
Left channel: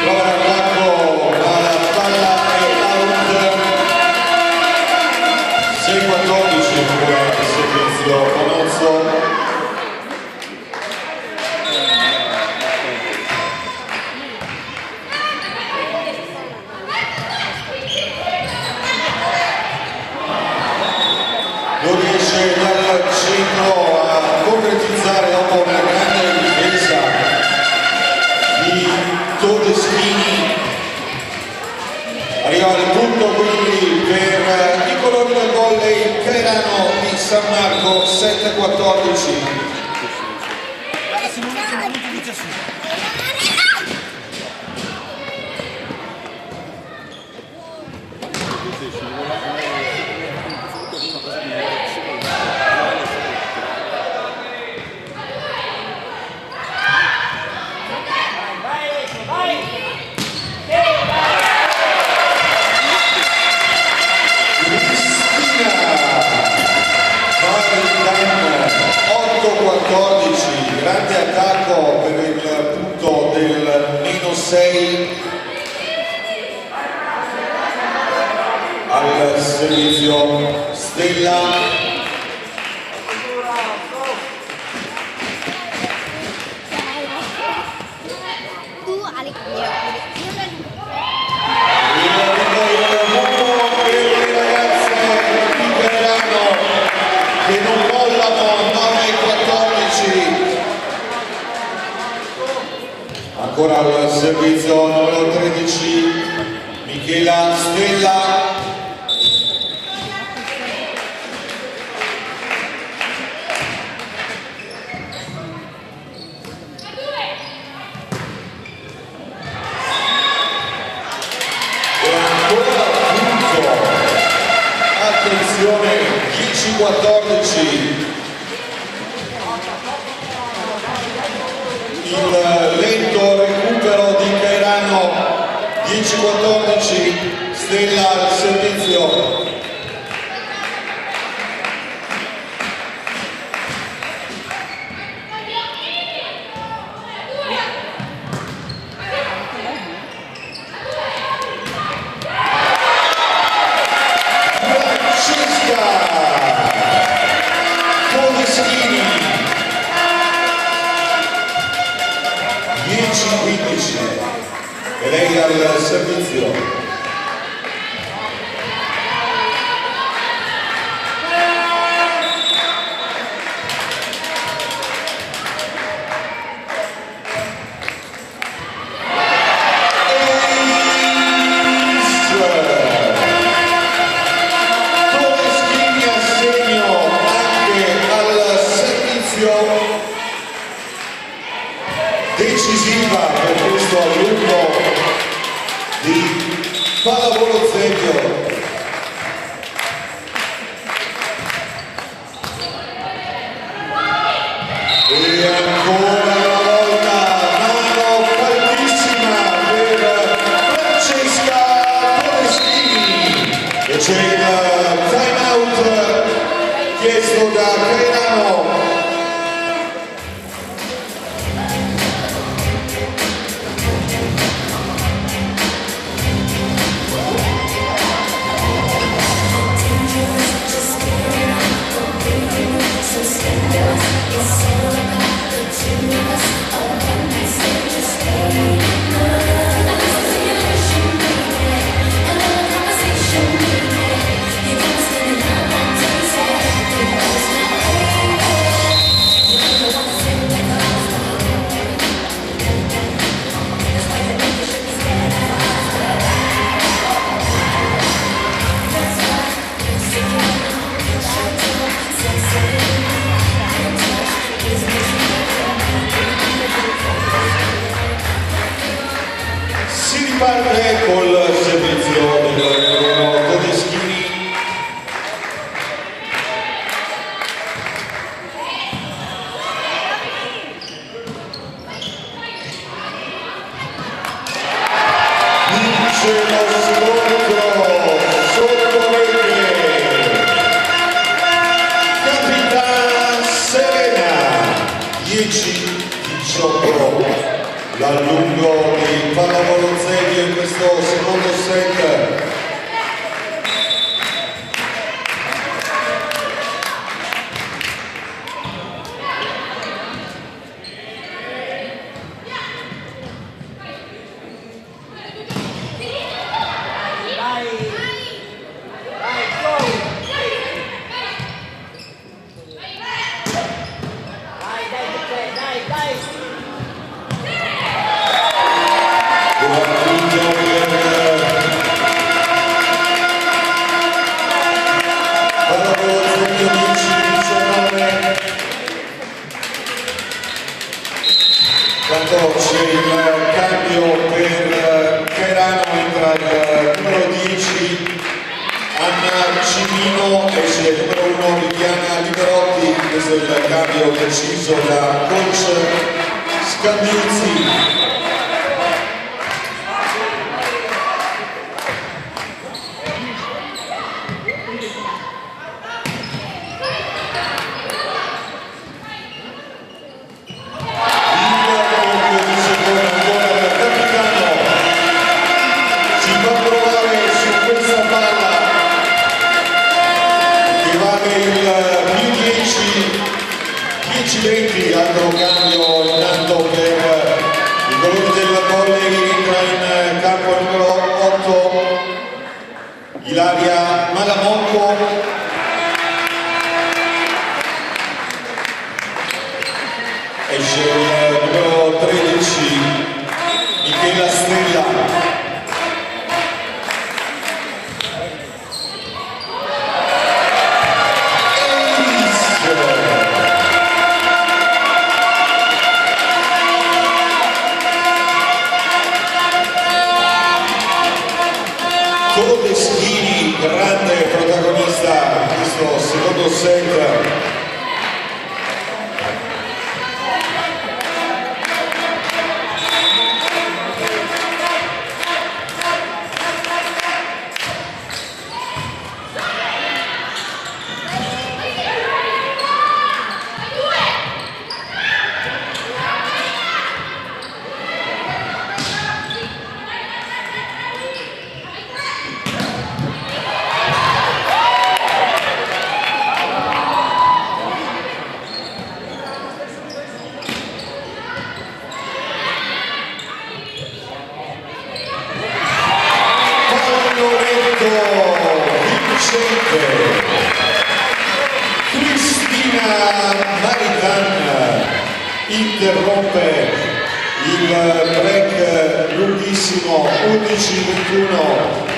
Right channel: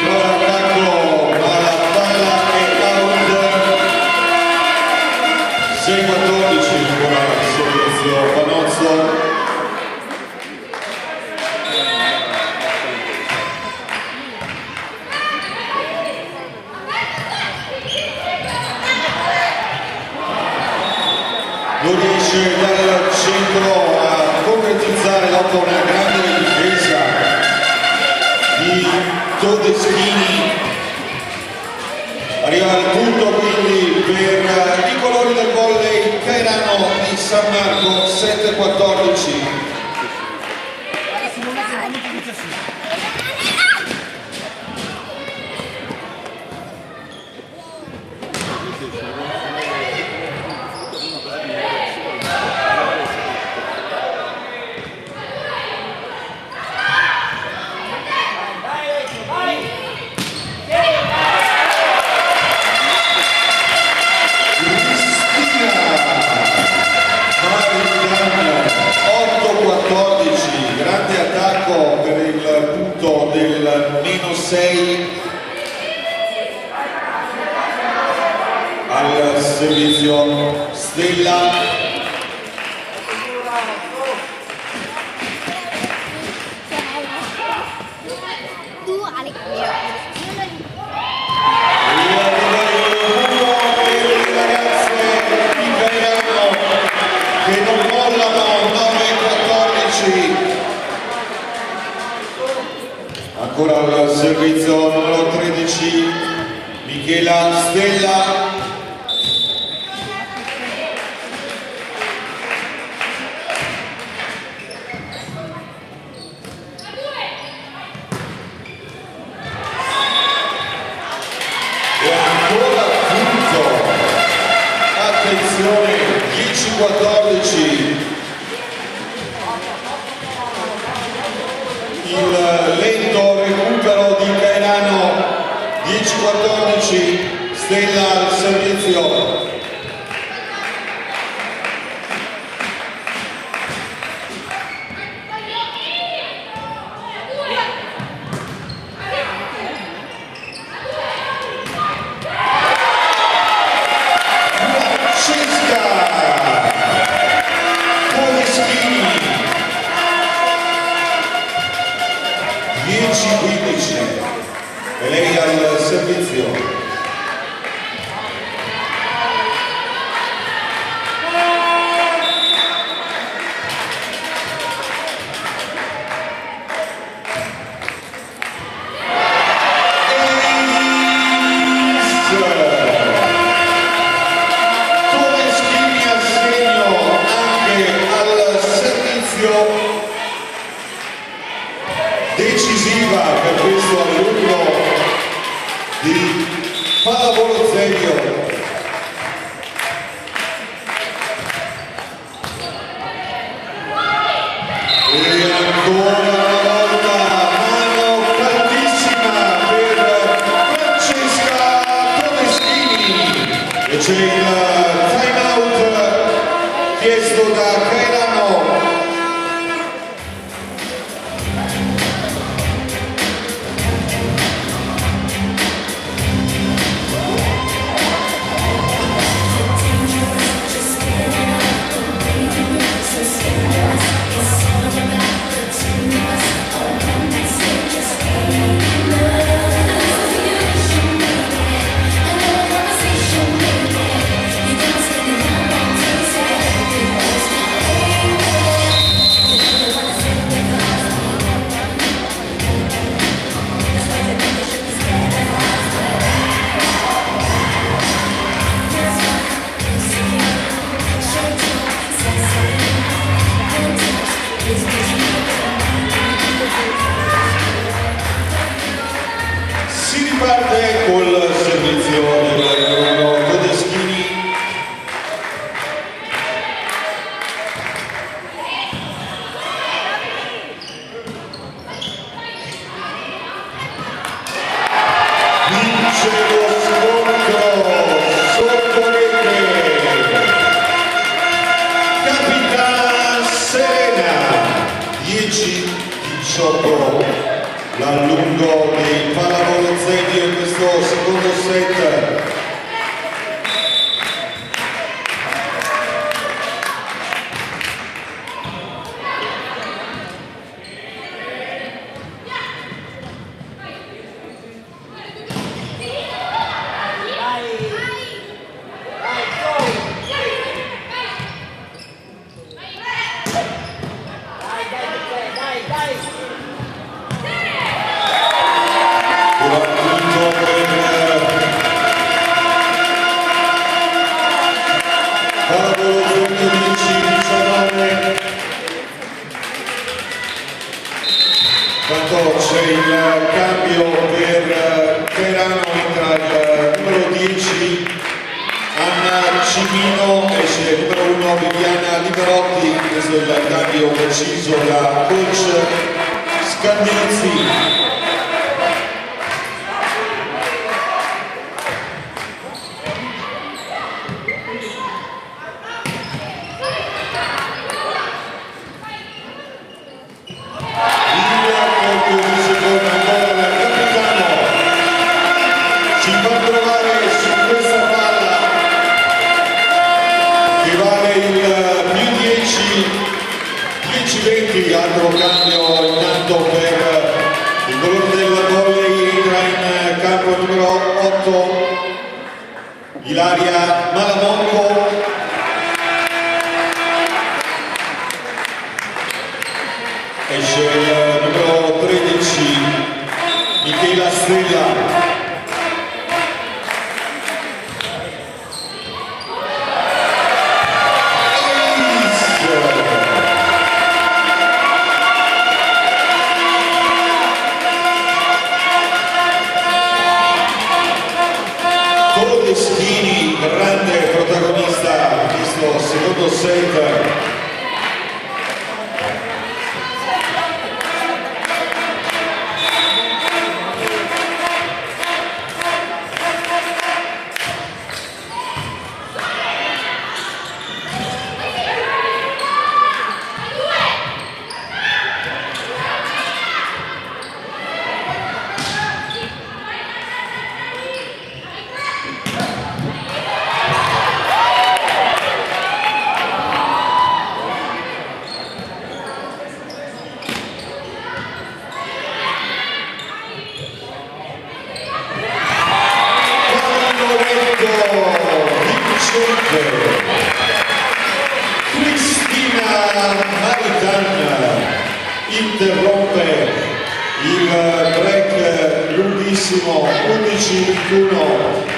Prova l'attacco alla palla e out. 6-14 al servizio Manozzo. Non riesce dal centro a concretizzare dopo una grande difesa di Todeschini. Arriva al punto quindi per i colori del volley Cairano di San Marco 7-14. Grande attacco per il punto del -6 al servizio Stella. Ancora al servizio numero 13 Michela Stella. E ancora punto, attenzione, 10-14. Il lento recupero di Cairano, 10-14, Stella al servizio. Francesca Todeschini. 10-15 e lei al servizio. Todeschini a segno anche al servizio. Decisiva per questo alunno di pallavolo Zevio. E ancora una volta mano caldissima per Francesca Todeschini e c'è il time out chiesto da Cairano. Si riparte col servizio del Todeschini. Vince lo scontro sotto rete. Capitana Serena 10-18. L'allungo di pallavolo Zebio in questo secondo set. Quando c'è il cambio per Cairano entra il numero 10 Anna Cimino, esce il numero 1 Viviana Liberotti. Questo è il cambio deciso da coach Scandizzi. Altro cambio intanto per il colore del volley, entra in campo il numero 8 Ilaria Malamonco, esce il numero 13 Michela Stella. Todeschini, grande protagonista in questo secondo set. Cristina Maritan interrompe il break lunghissimo 11-21.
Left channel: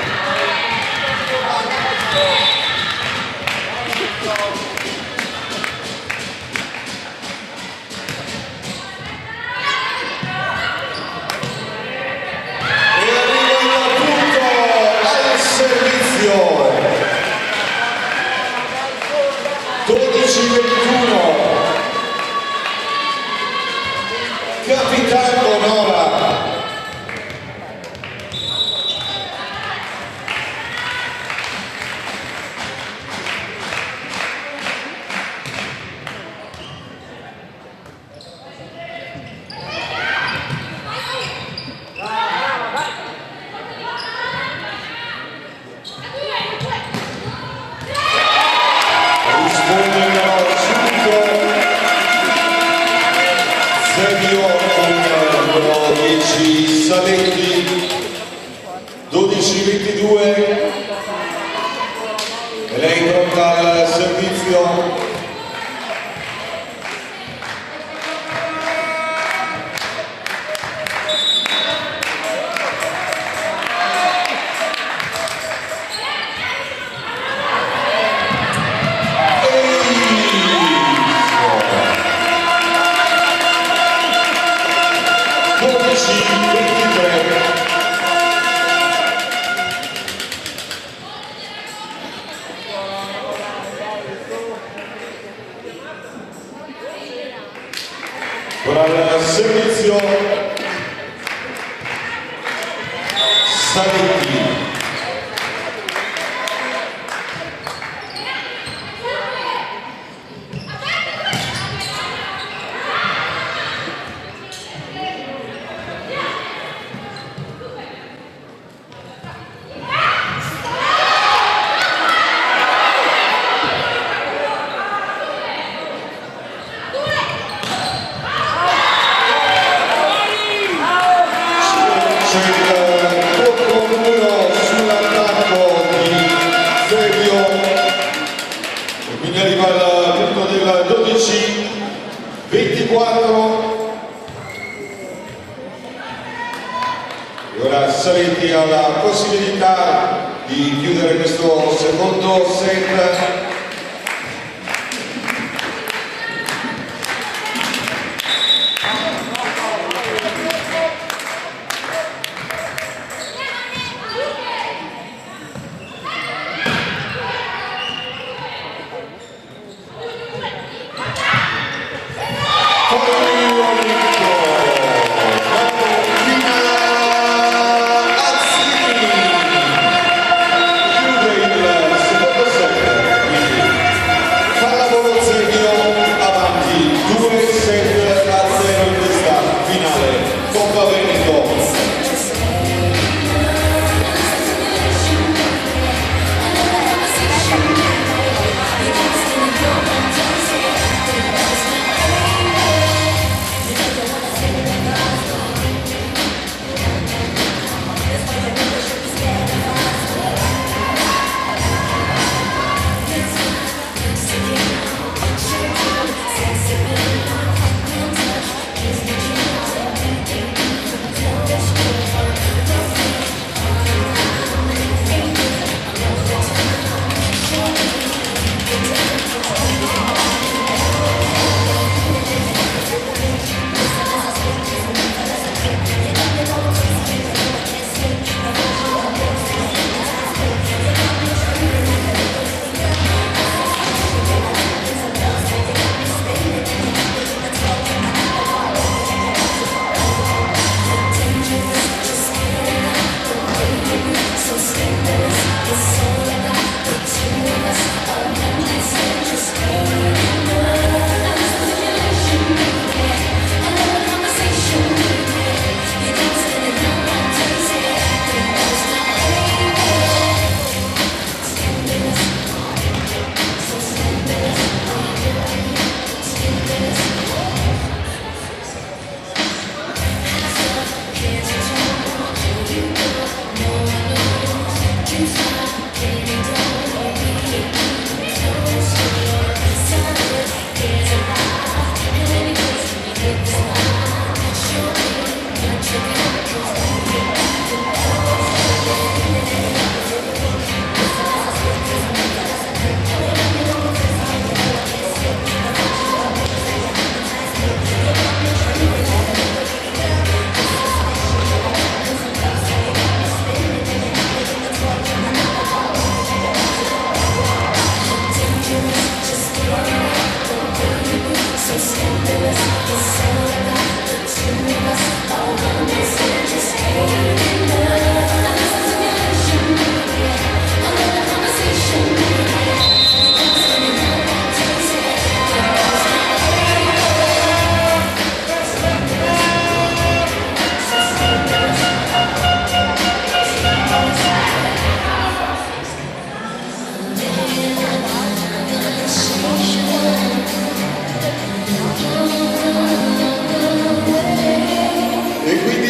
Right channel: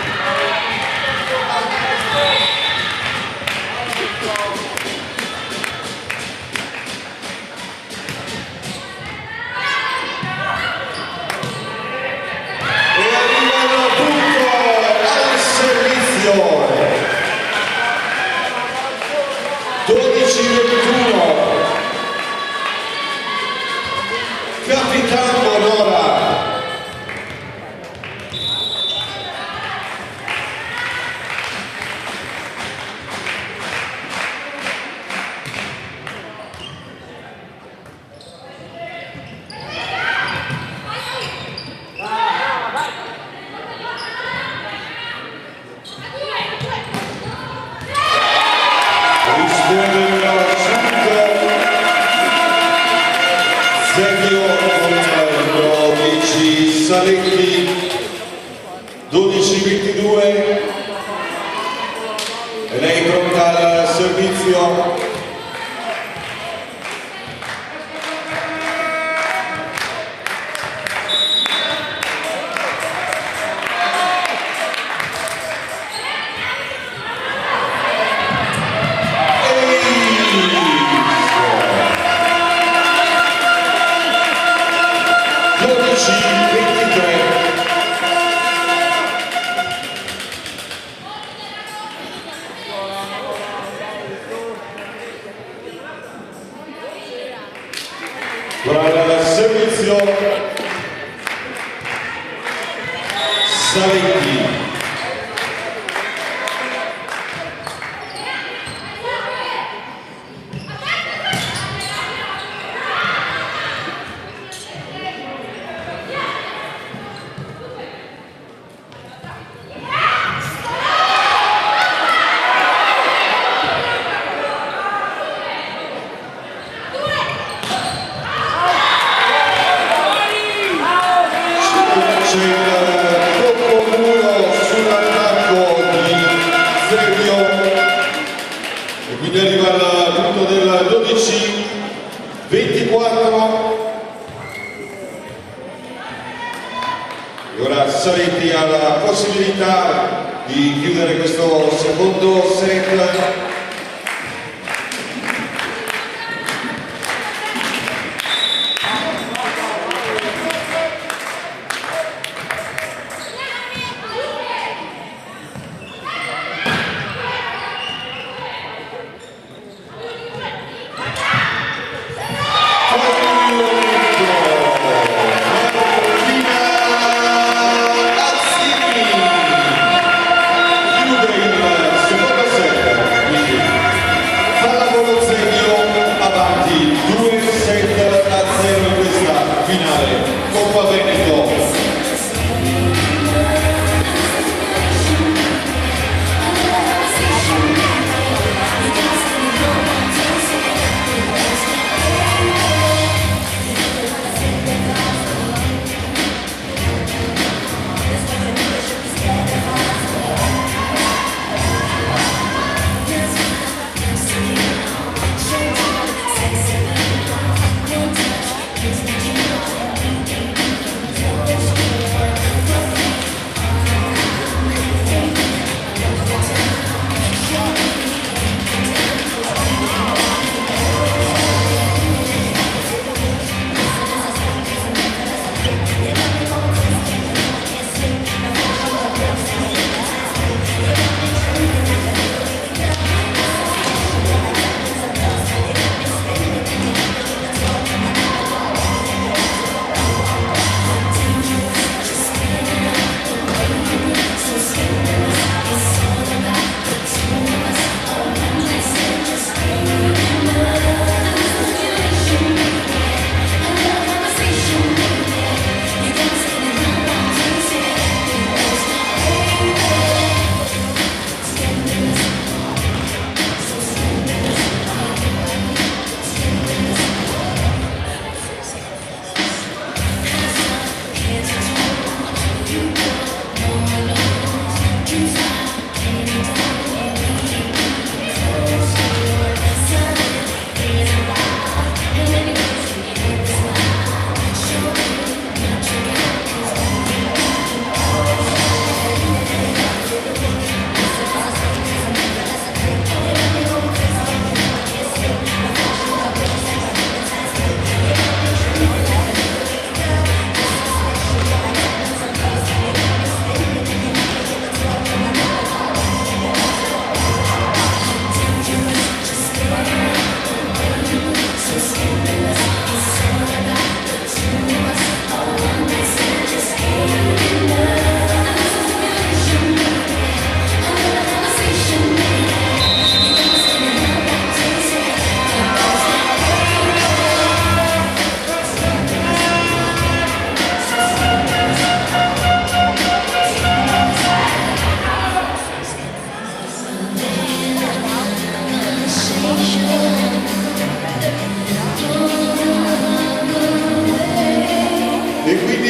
Capitano Nora. Saletti 12-22, lei pronta al servizio. con il servizio Saletti. Quindi arriva il punto del 12-24. Ora Saletti ha la possibilità di chiudere questo secondo set.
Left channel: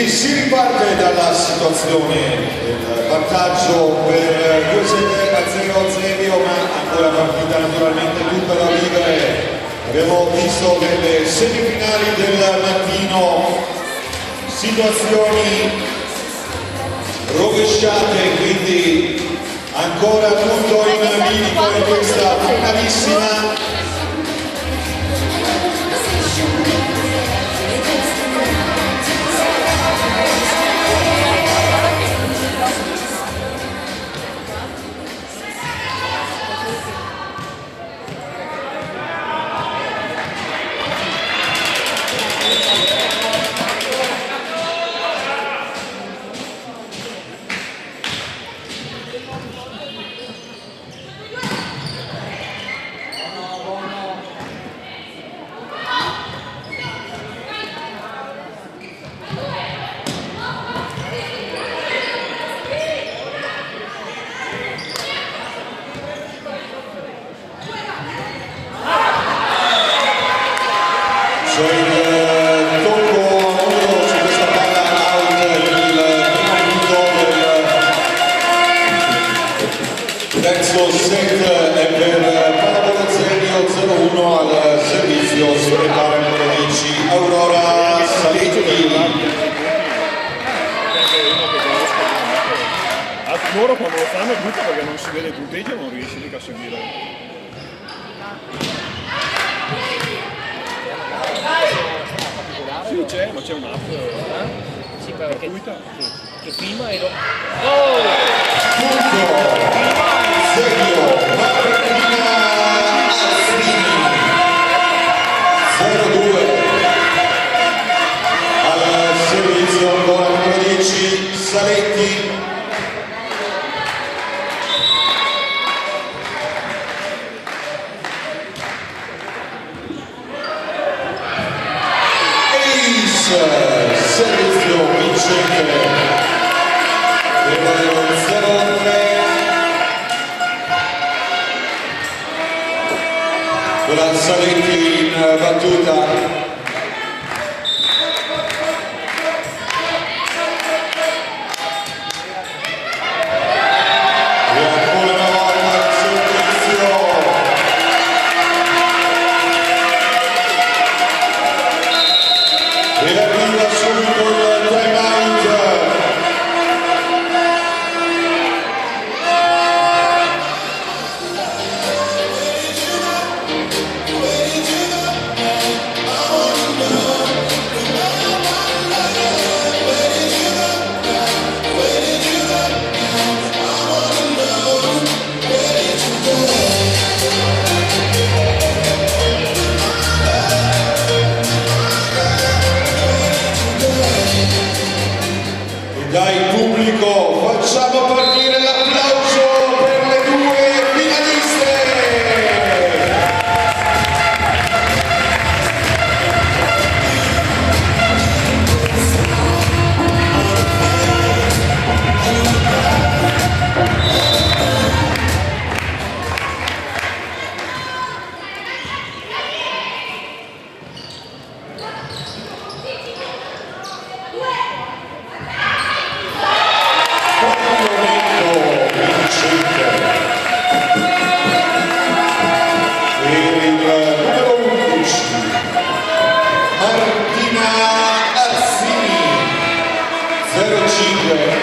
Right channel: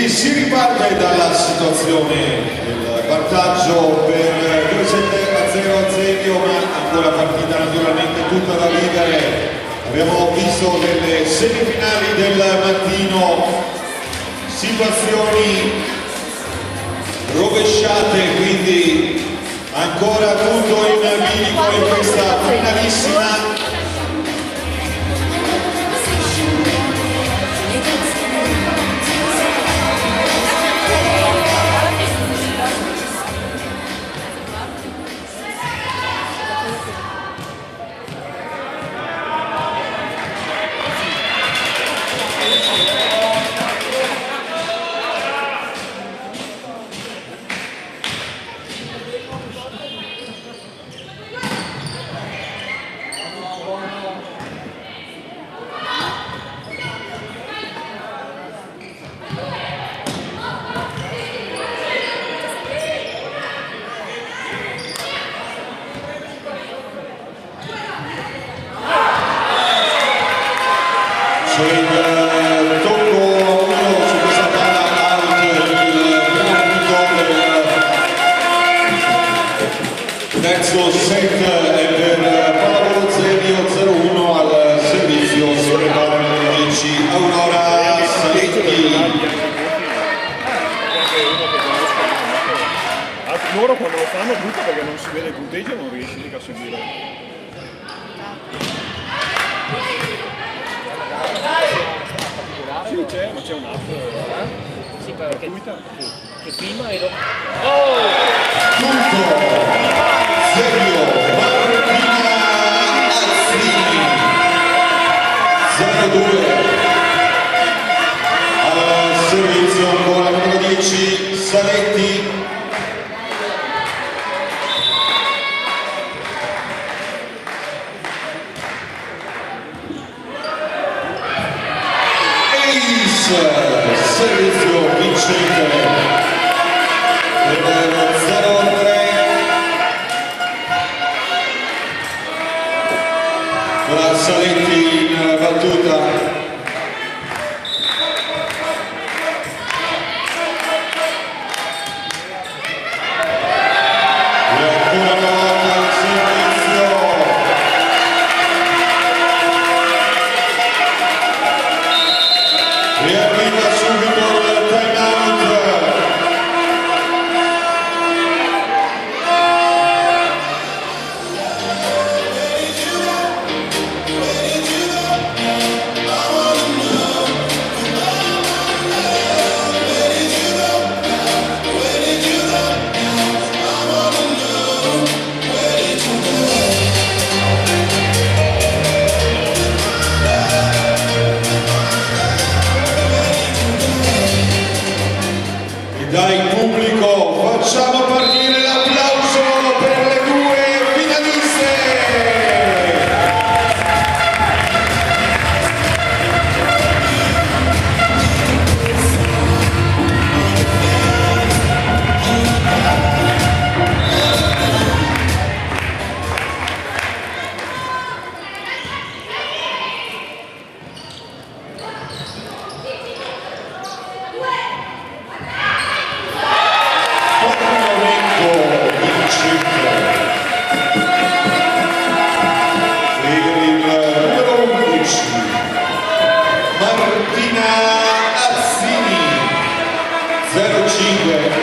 Si riparte dalla situazione del vantaggio per 2-0 ma ancora partita naturalmente tutta da vivere. Abbiamo visto nelle semifinali del mattino situazioni rovesciate, quindi ancora tutto in bilico in questa finalissima. c'è il tocco su questa palla out, il primo minuto del terzo set è per Paolo Zenio, 0-1 al servizio, si prepara il 10 Aurora Saletti. Loro quando lo fanno è brutto perché non si vede il punteggio, non riesci mica a seguire. Sì, c'è, ma c'è un'app. Sì, perché che filma e dopo. Punto, Zenio, Martina Azzini, 0-2 al servizio ancora numero 10 Saletti. Servizio vincente del 0-3 con la Saletti in battuta. Dai pubblico facciamo partire l'applauso per le due finaliste. Martina Azzini, 0-5.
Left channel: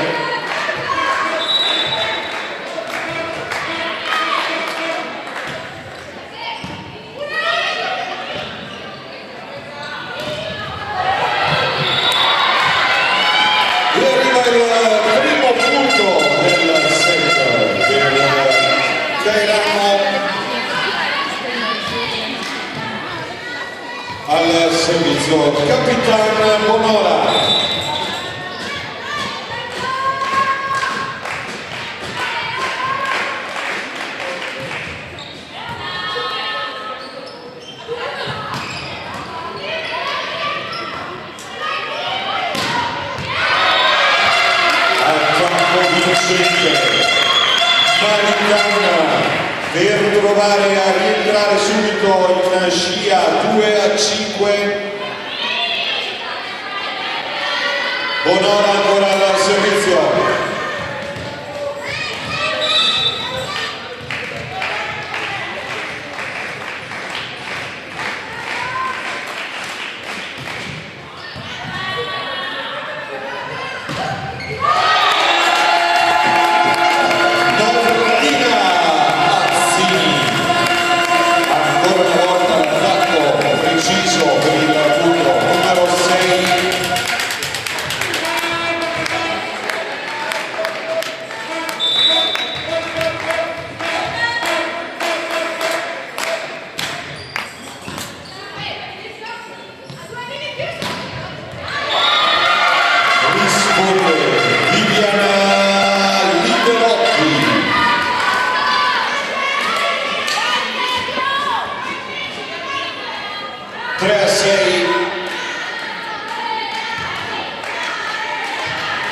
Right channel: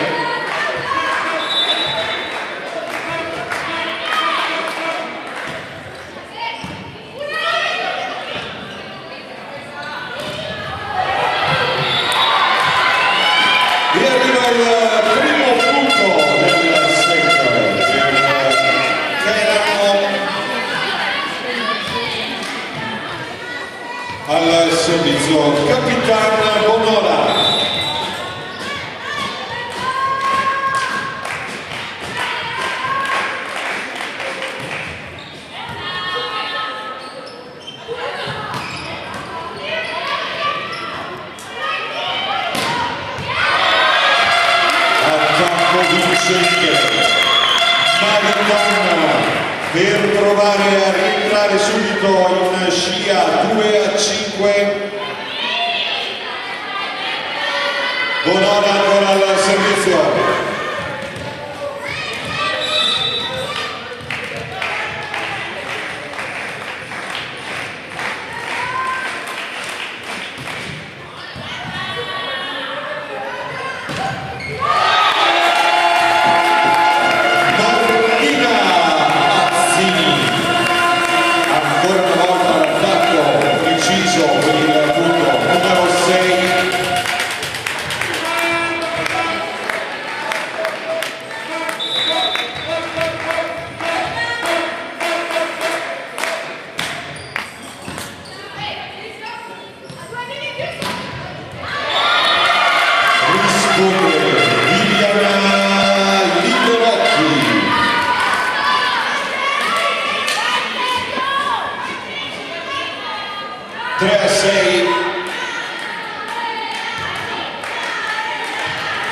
E arriva il primo punto del set per Gaetano al servizio Capitana Bonora. Attacco vincente Maritana per provare a rientrare subito in una scia 2-5. Bonora ancora al servizio.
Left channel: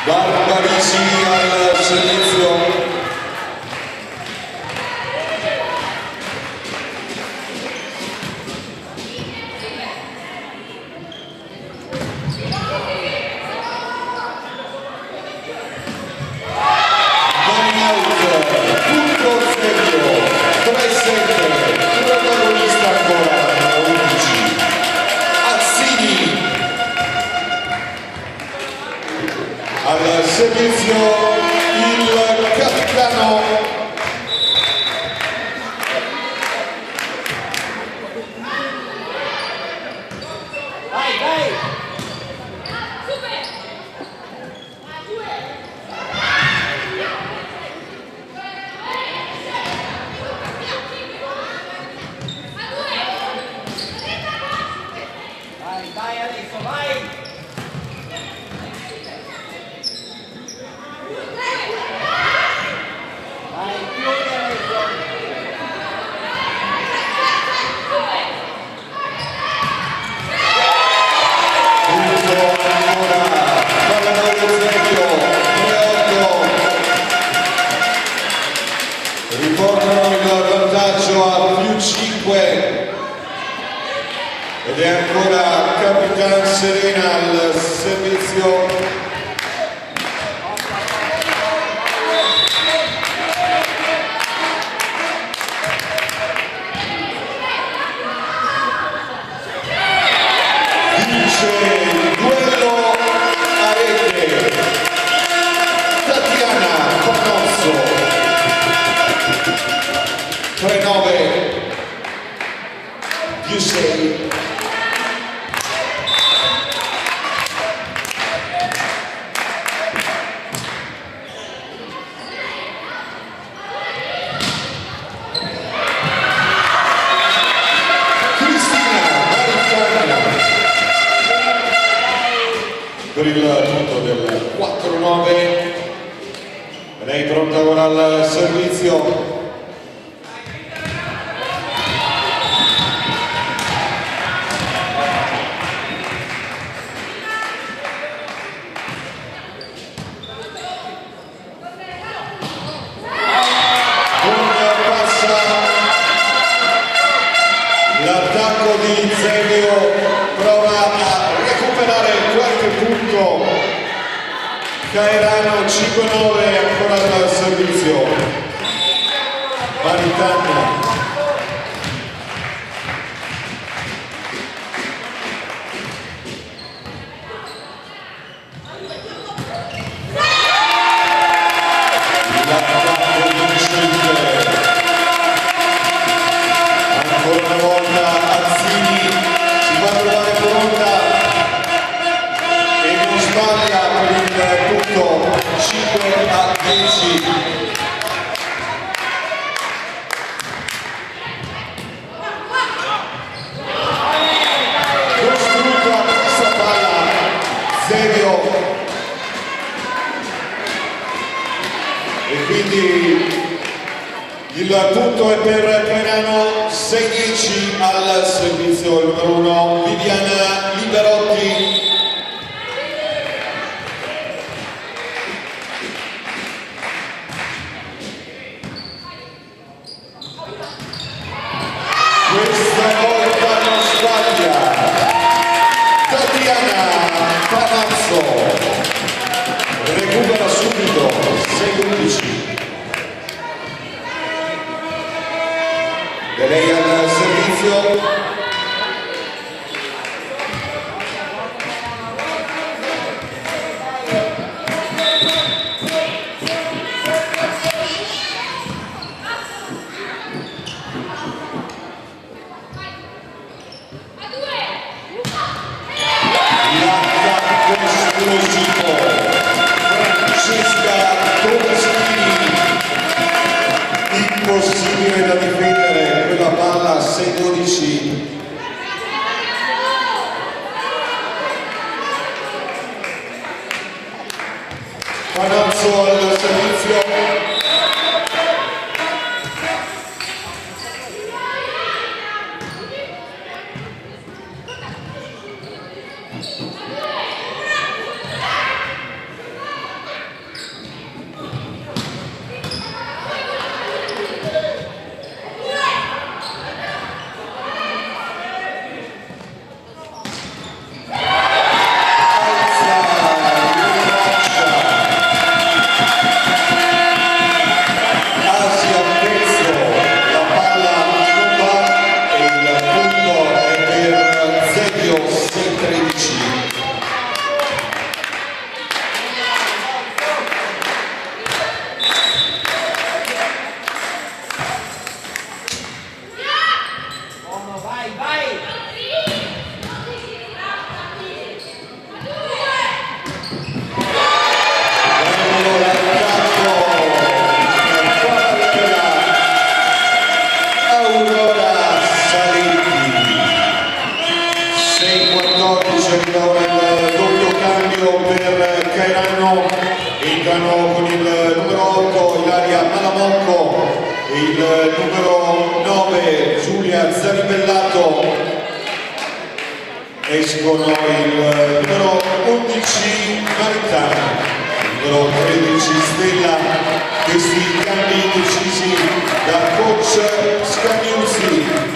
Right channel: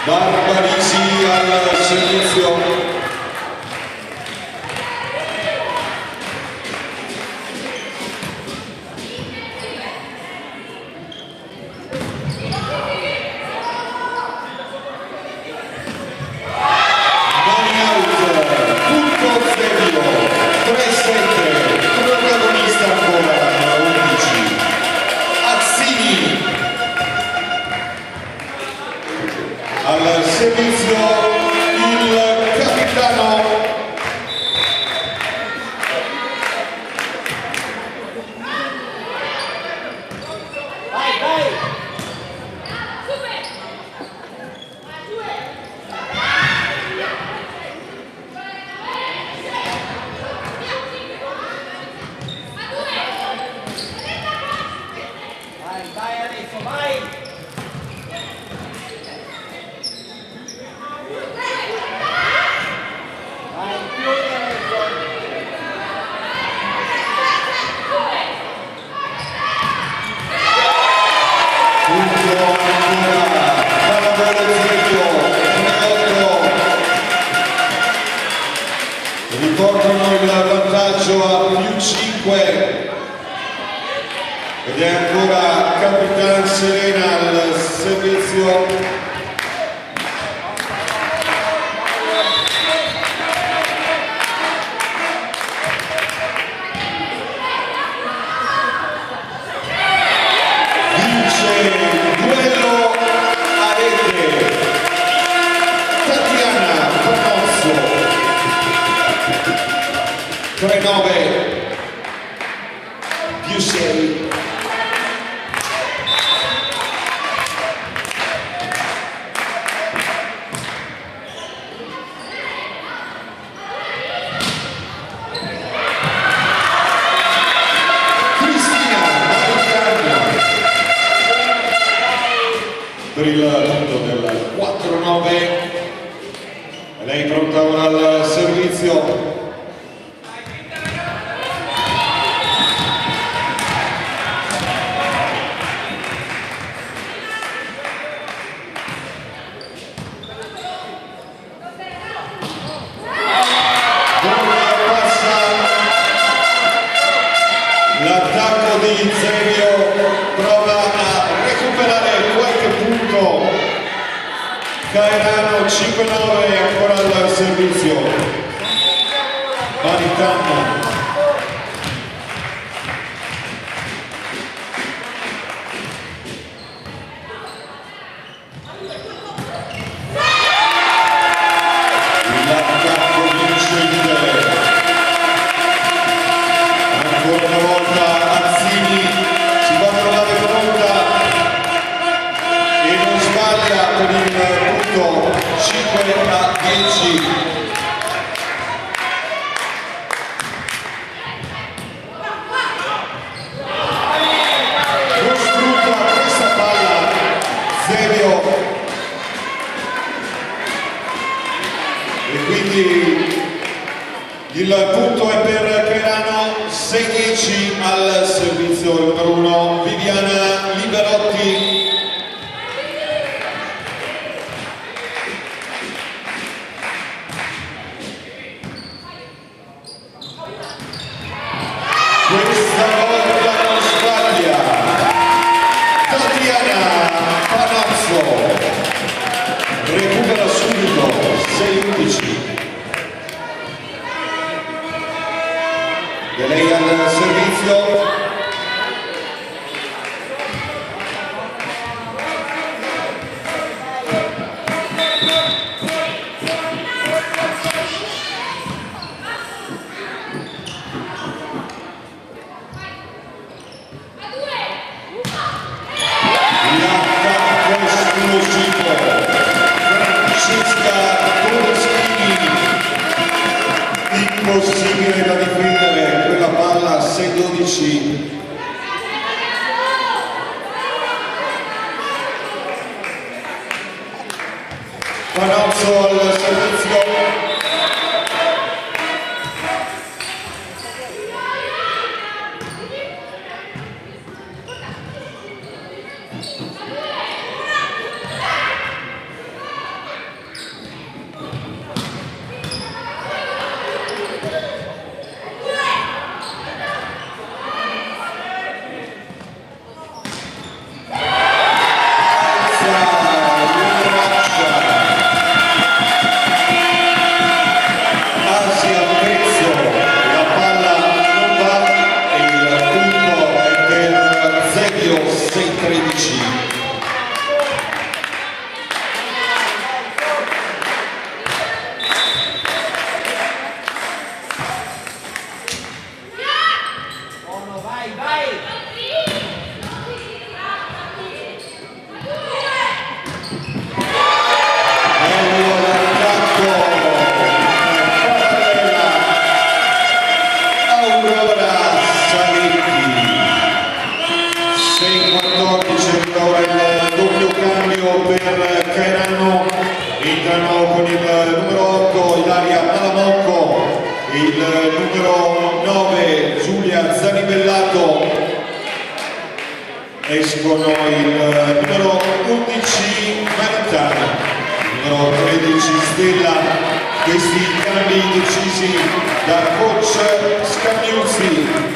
Barbarisi al servizio. 5 ed è ancora Capitan Serena al servizio. Per il punto del 4-9 lei pronta ora al servizio. L'attacco di Zevio prova a recuperare qualche punto. Caeranno 5-9 ancora al servizio. Maritana. Ancora una volta Azzini si va a trovare pronta e non sbaglia per il punto 5-10. Costruita questa palla Zevio e quindi il punto è per Cairano. 6-10 al servizio numero 1 Viviana Liberotti. Questa volta non sbaglia Tatiana Panazzo, recupera subito 6-11. E lei al servizio. L'attacco esplosivo. Francesca Toschini. Impossibile da difendere quella palla 6-12. Panazzo al servizio. Per Cairano entrano con il numero 8 Ilaria Malamocco e il numero 9 Giulia Zanibellato, escono il numero 11 Maritana, il numero 13 Stella. Questi cambi decisi da coach Scagnuzzi.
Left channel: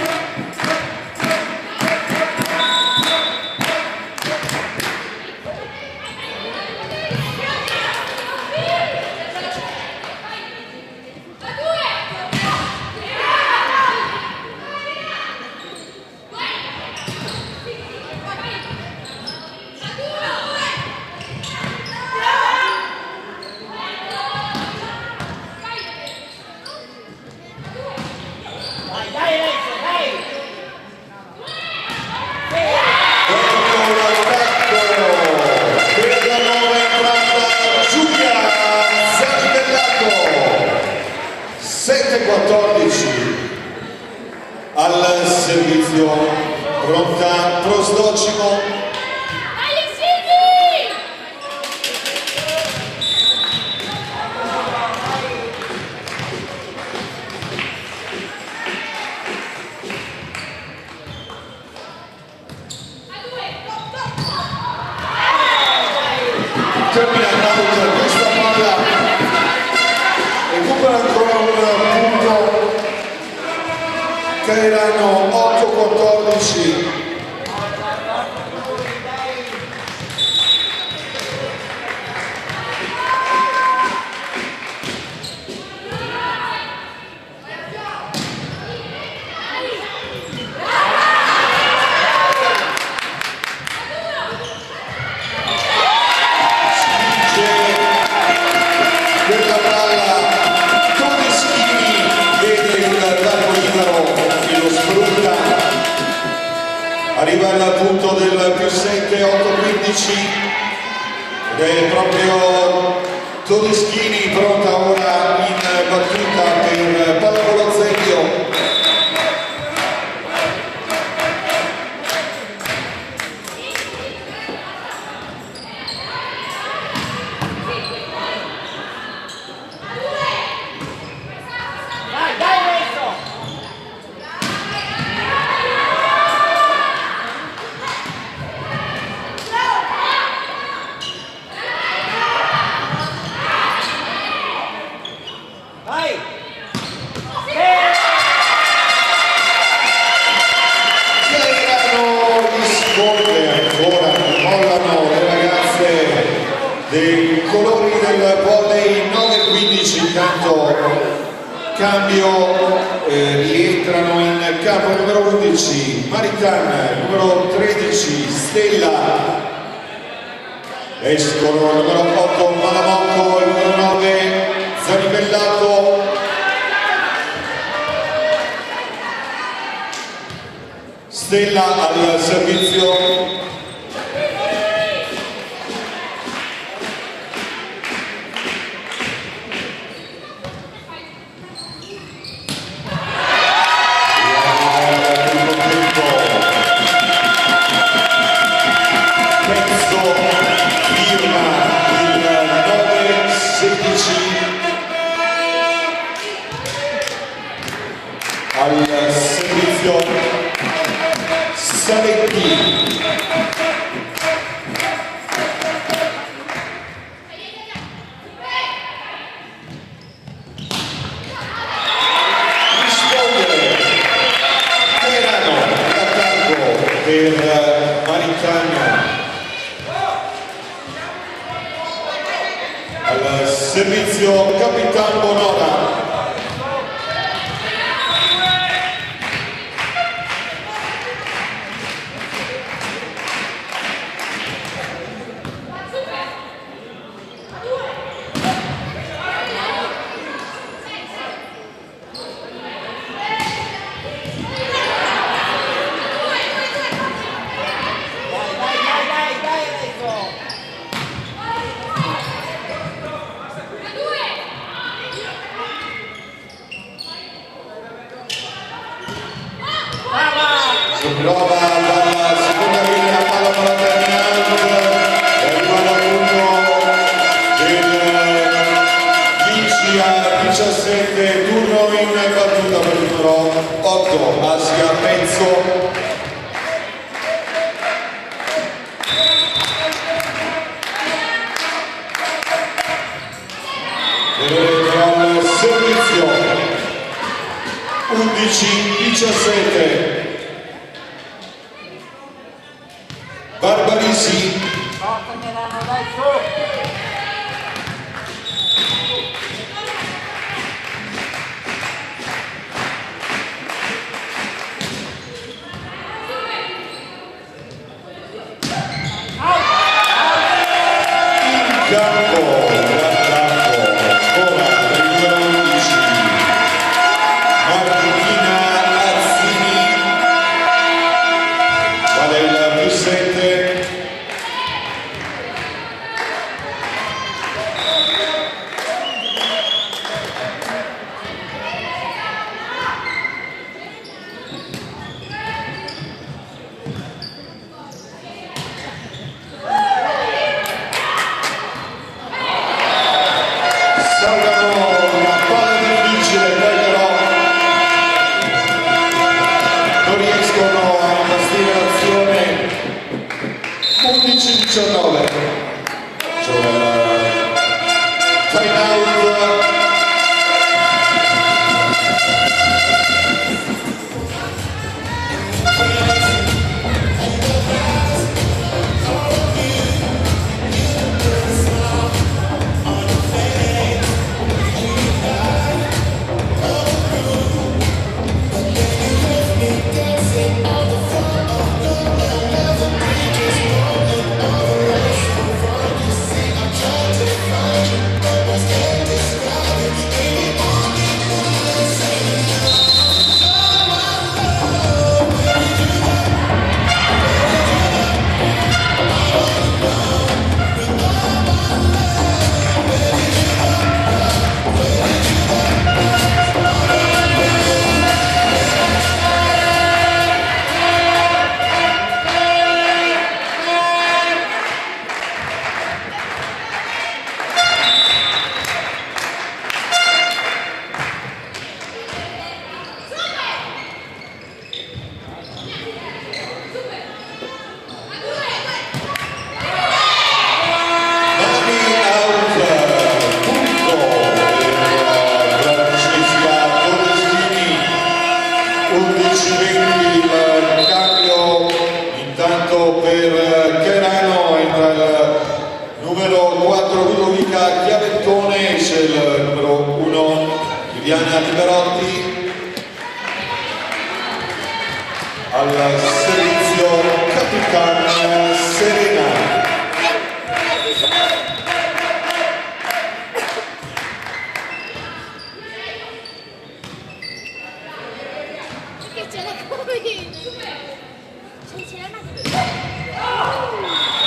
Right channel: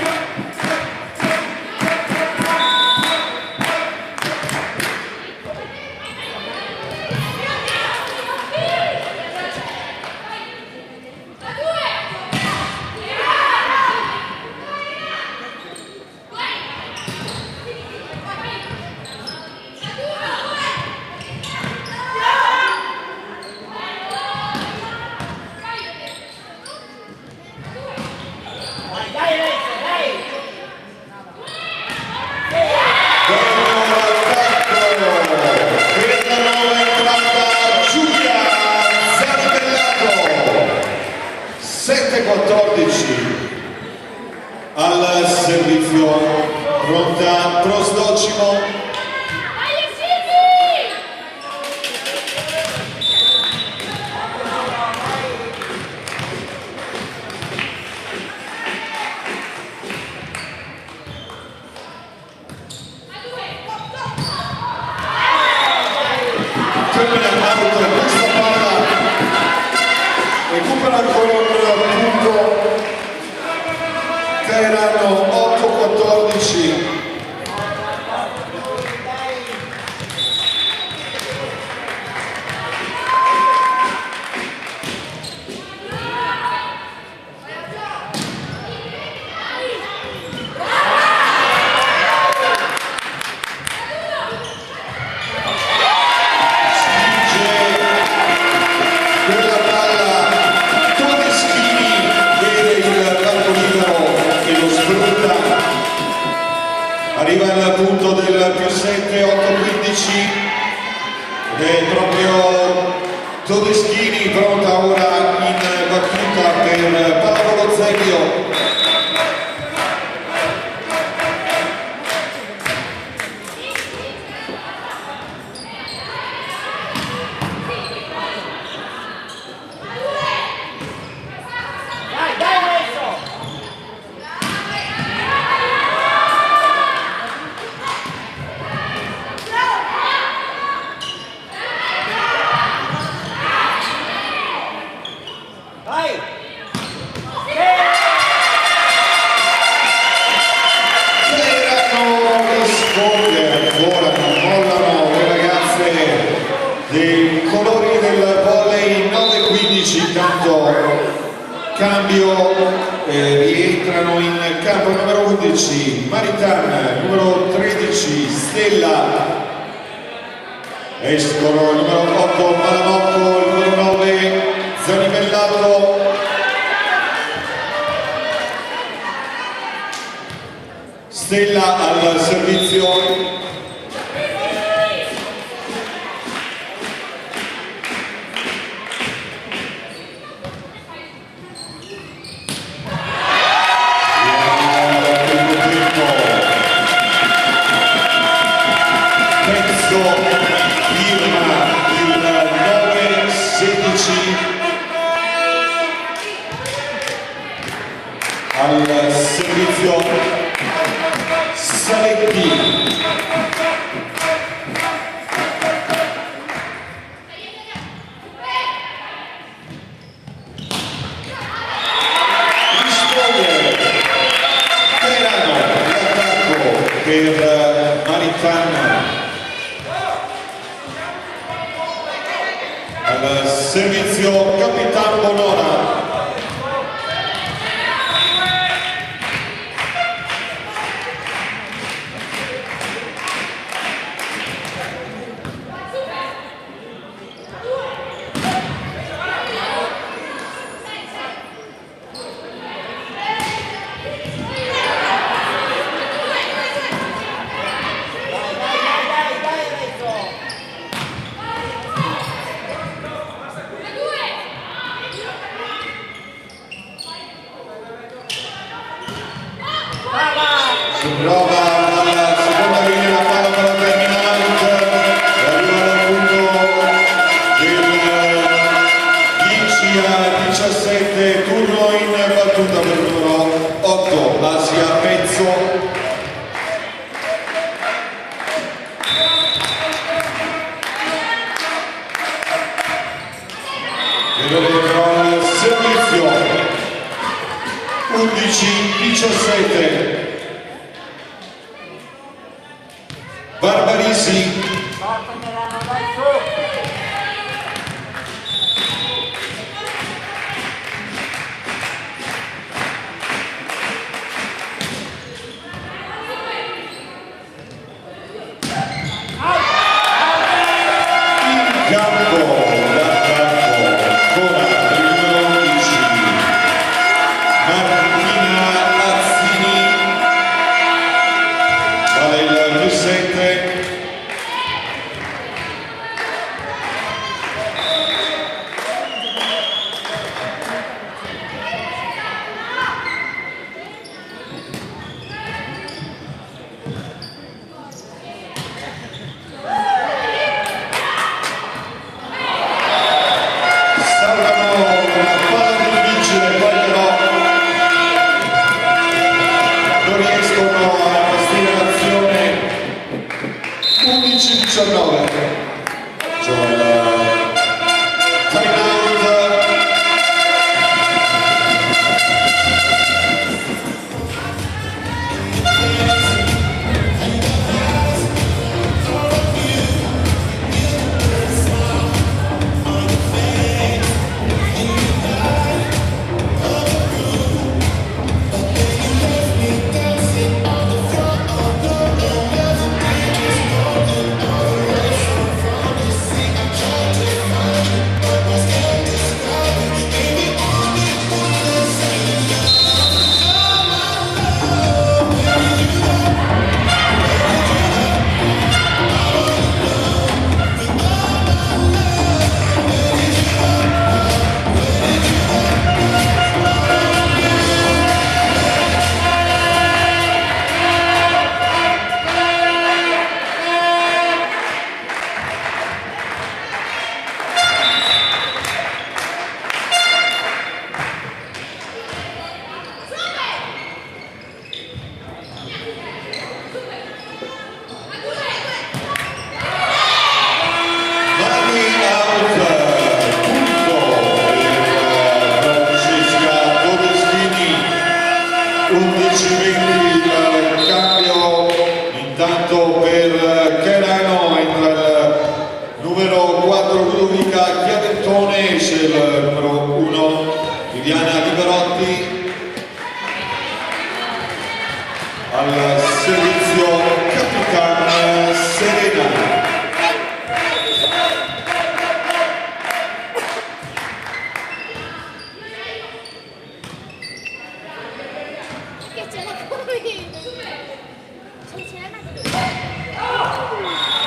servizio, pronta Prostocimo. Questa palla recupera ancora un punto che erano 8-14. Arriva al punto del più 7, 8-15 ed è proprio Todeschini pronta ora in battuta per Paolo Zecchio. Dei colori del volley 9-15, intanto cambio, rientrano in campo numero 11 Maritana, numero 13 Stella, escono numero 8 Malamotto, il numero 9 Zanimellato, Stella al servizio. Al servizio Saletti, risponde Terano, l'attacco per Maritana. Al servizio Capitan Bonora. Si prova dalla seconda linea la palla per la terminante e arriva al punto del 10-17, turno in battuta per il numero 8 Basia Pezzo. Al servizio 11-17 Barbarisi. In campo, ancora il numero 11 Martina Azzini, vale il più 7. 12-20 il cambio, intanto per Cairano entra il numero 4 Ludovica Chiaventone, esce il numero 1 Viviana Liberotti, al servizio Capitana Serena.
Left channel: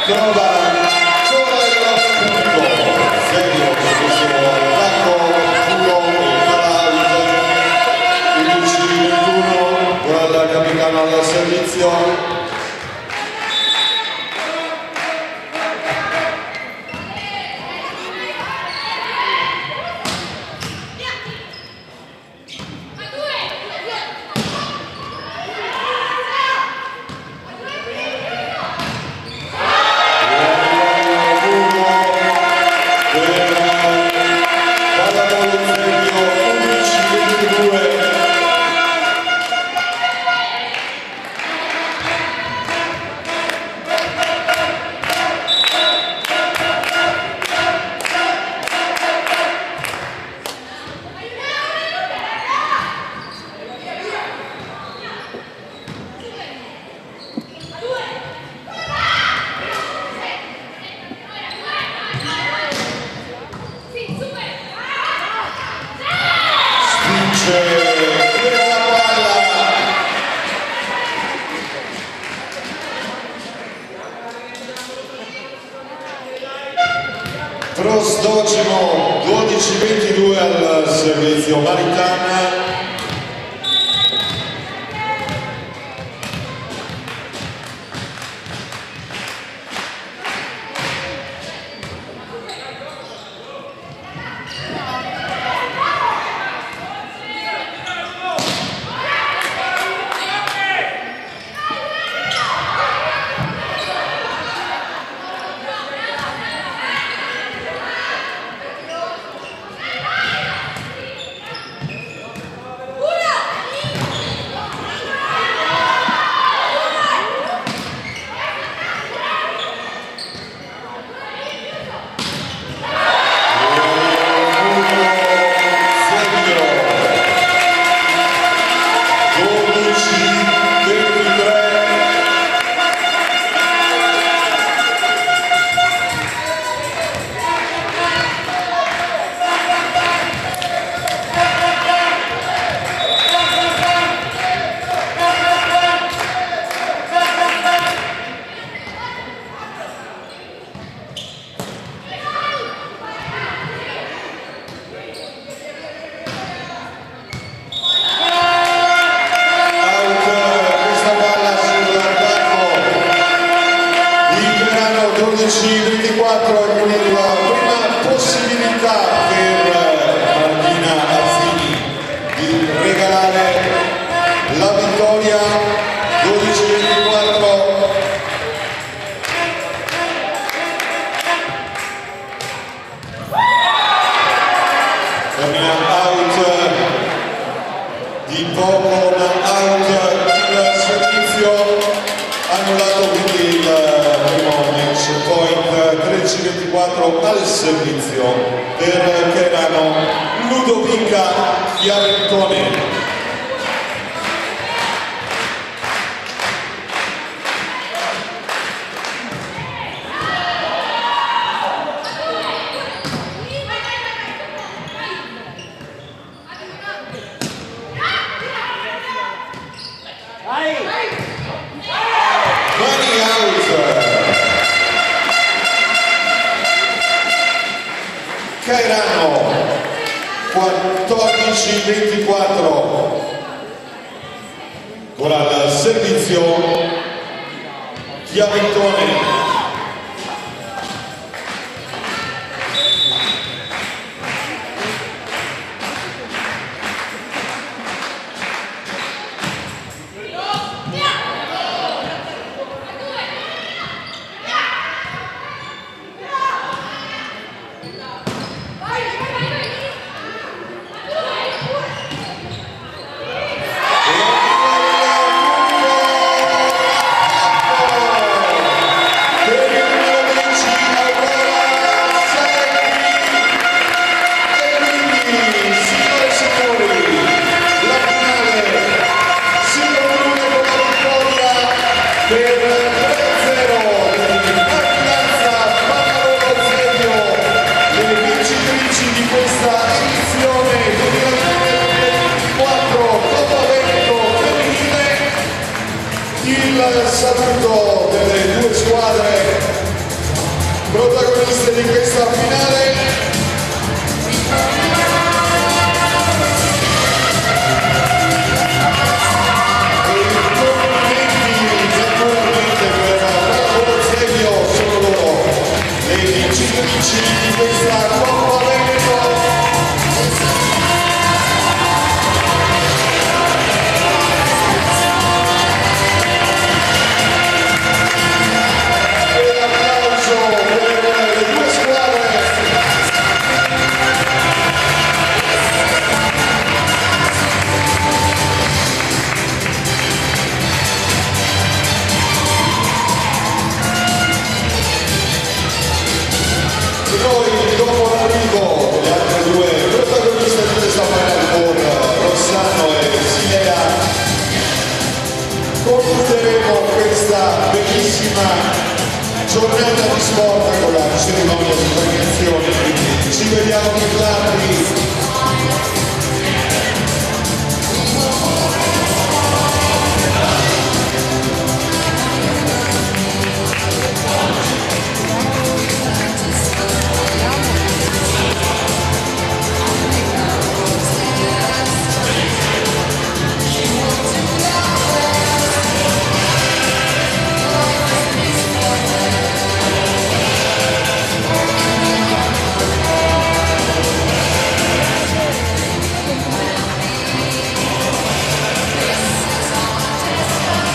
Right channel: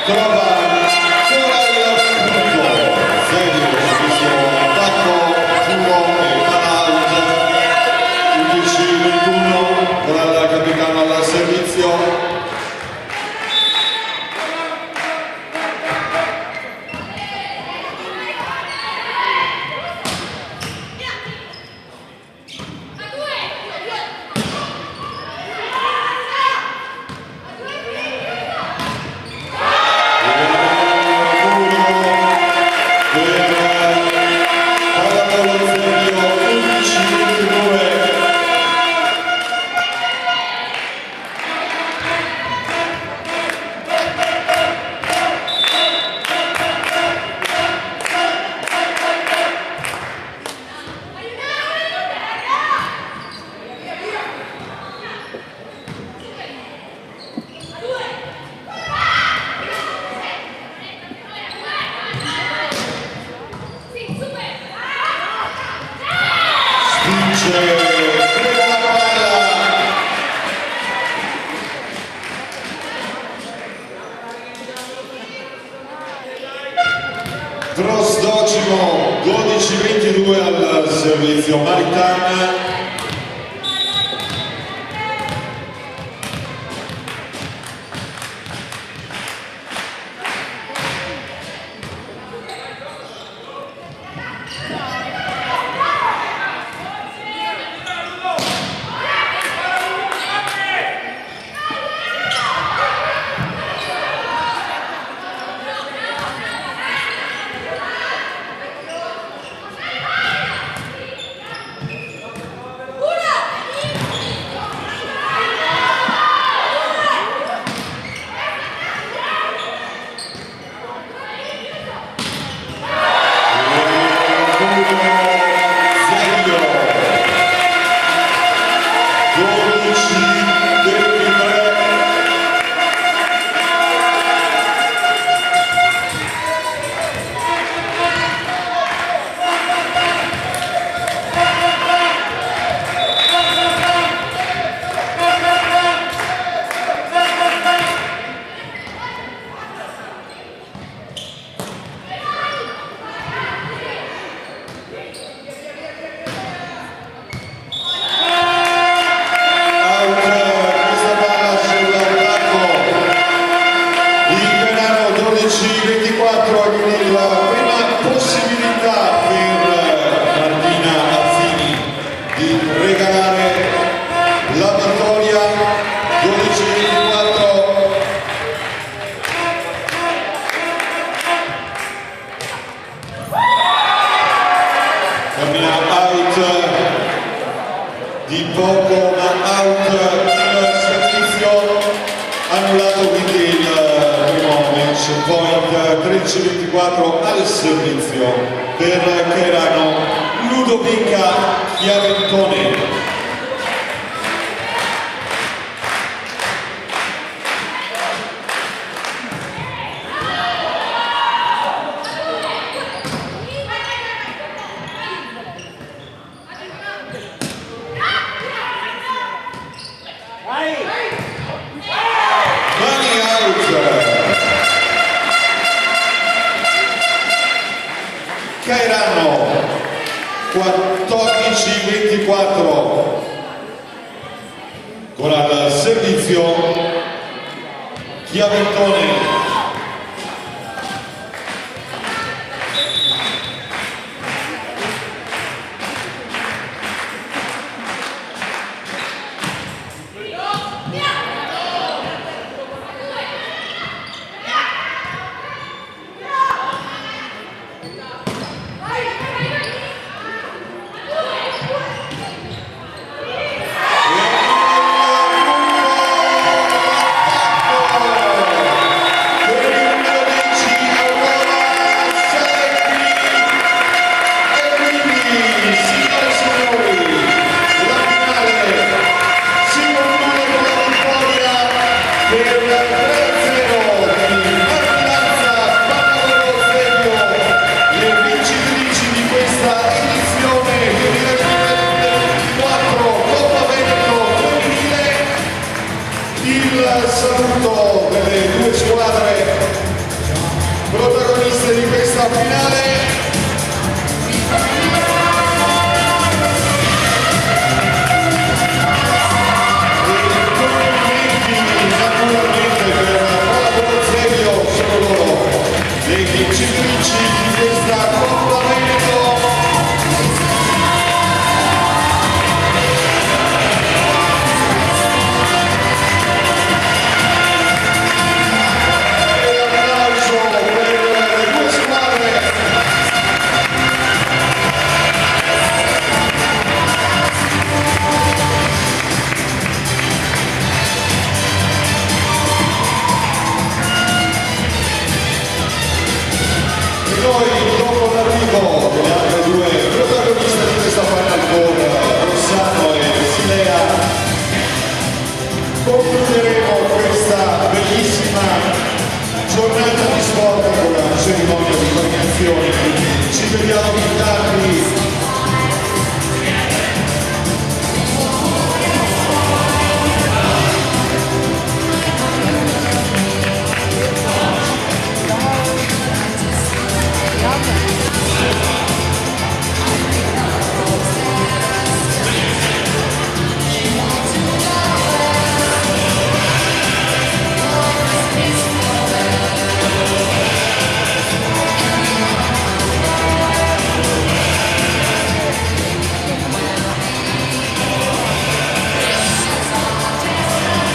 Trova ancora il punto, serio, servizio 4, 2 e 11-21, con la capitana al servizio. Trosdocimo 12-22 al servizio Maritana. Di poco da out il servizio, annullato quindi il primo match point 13-24 al servizio per Cairano Ludovica Chiaventone. Cairano 14-24 con al servizio Chiaventone. il saluto delle due squadre protagoniste di questa finale. Vincitrici di questa Coppa Veneto. E l'applauso per le due squadre. Noi dopo l'arrivo delle altre due protagoniste di questa Final Four, Rossano e Silea, concludiamo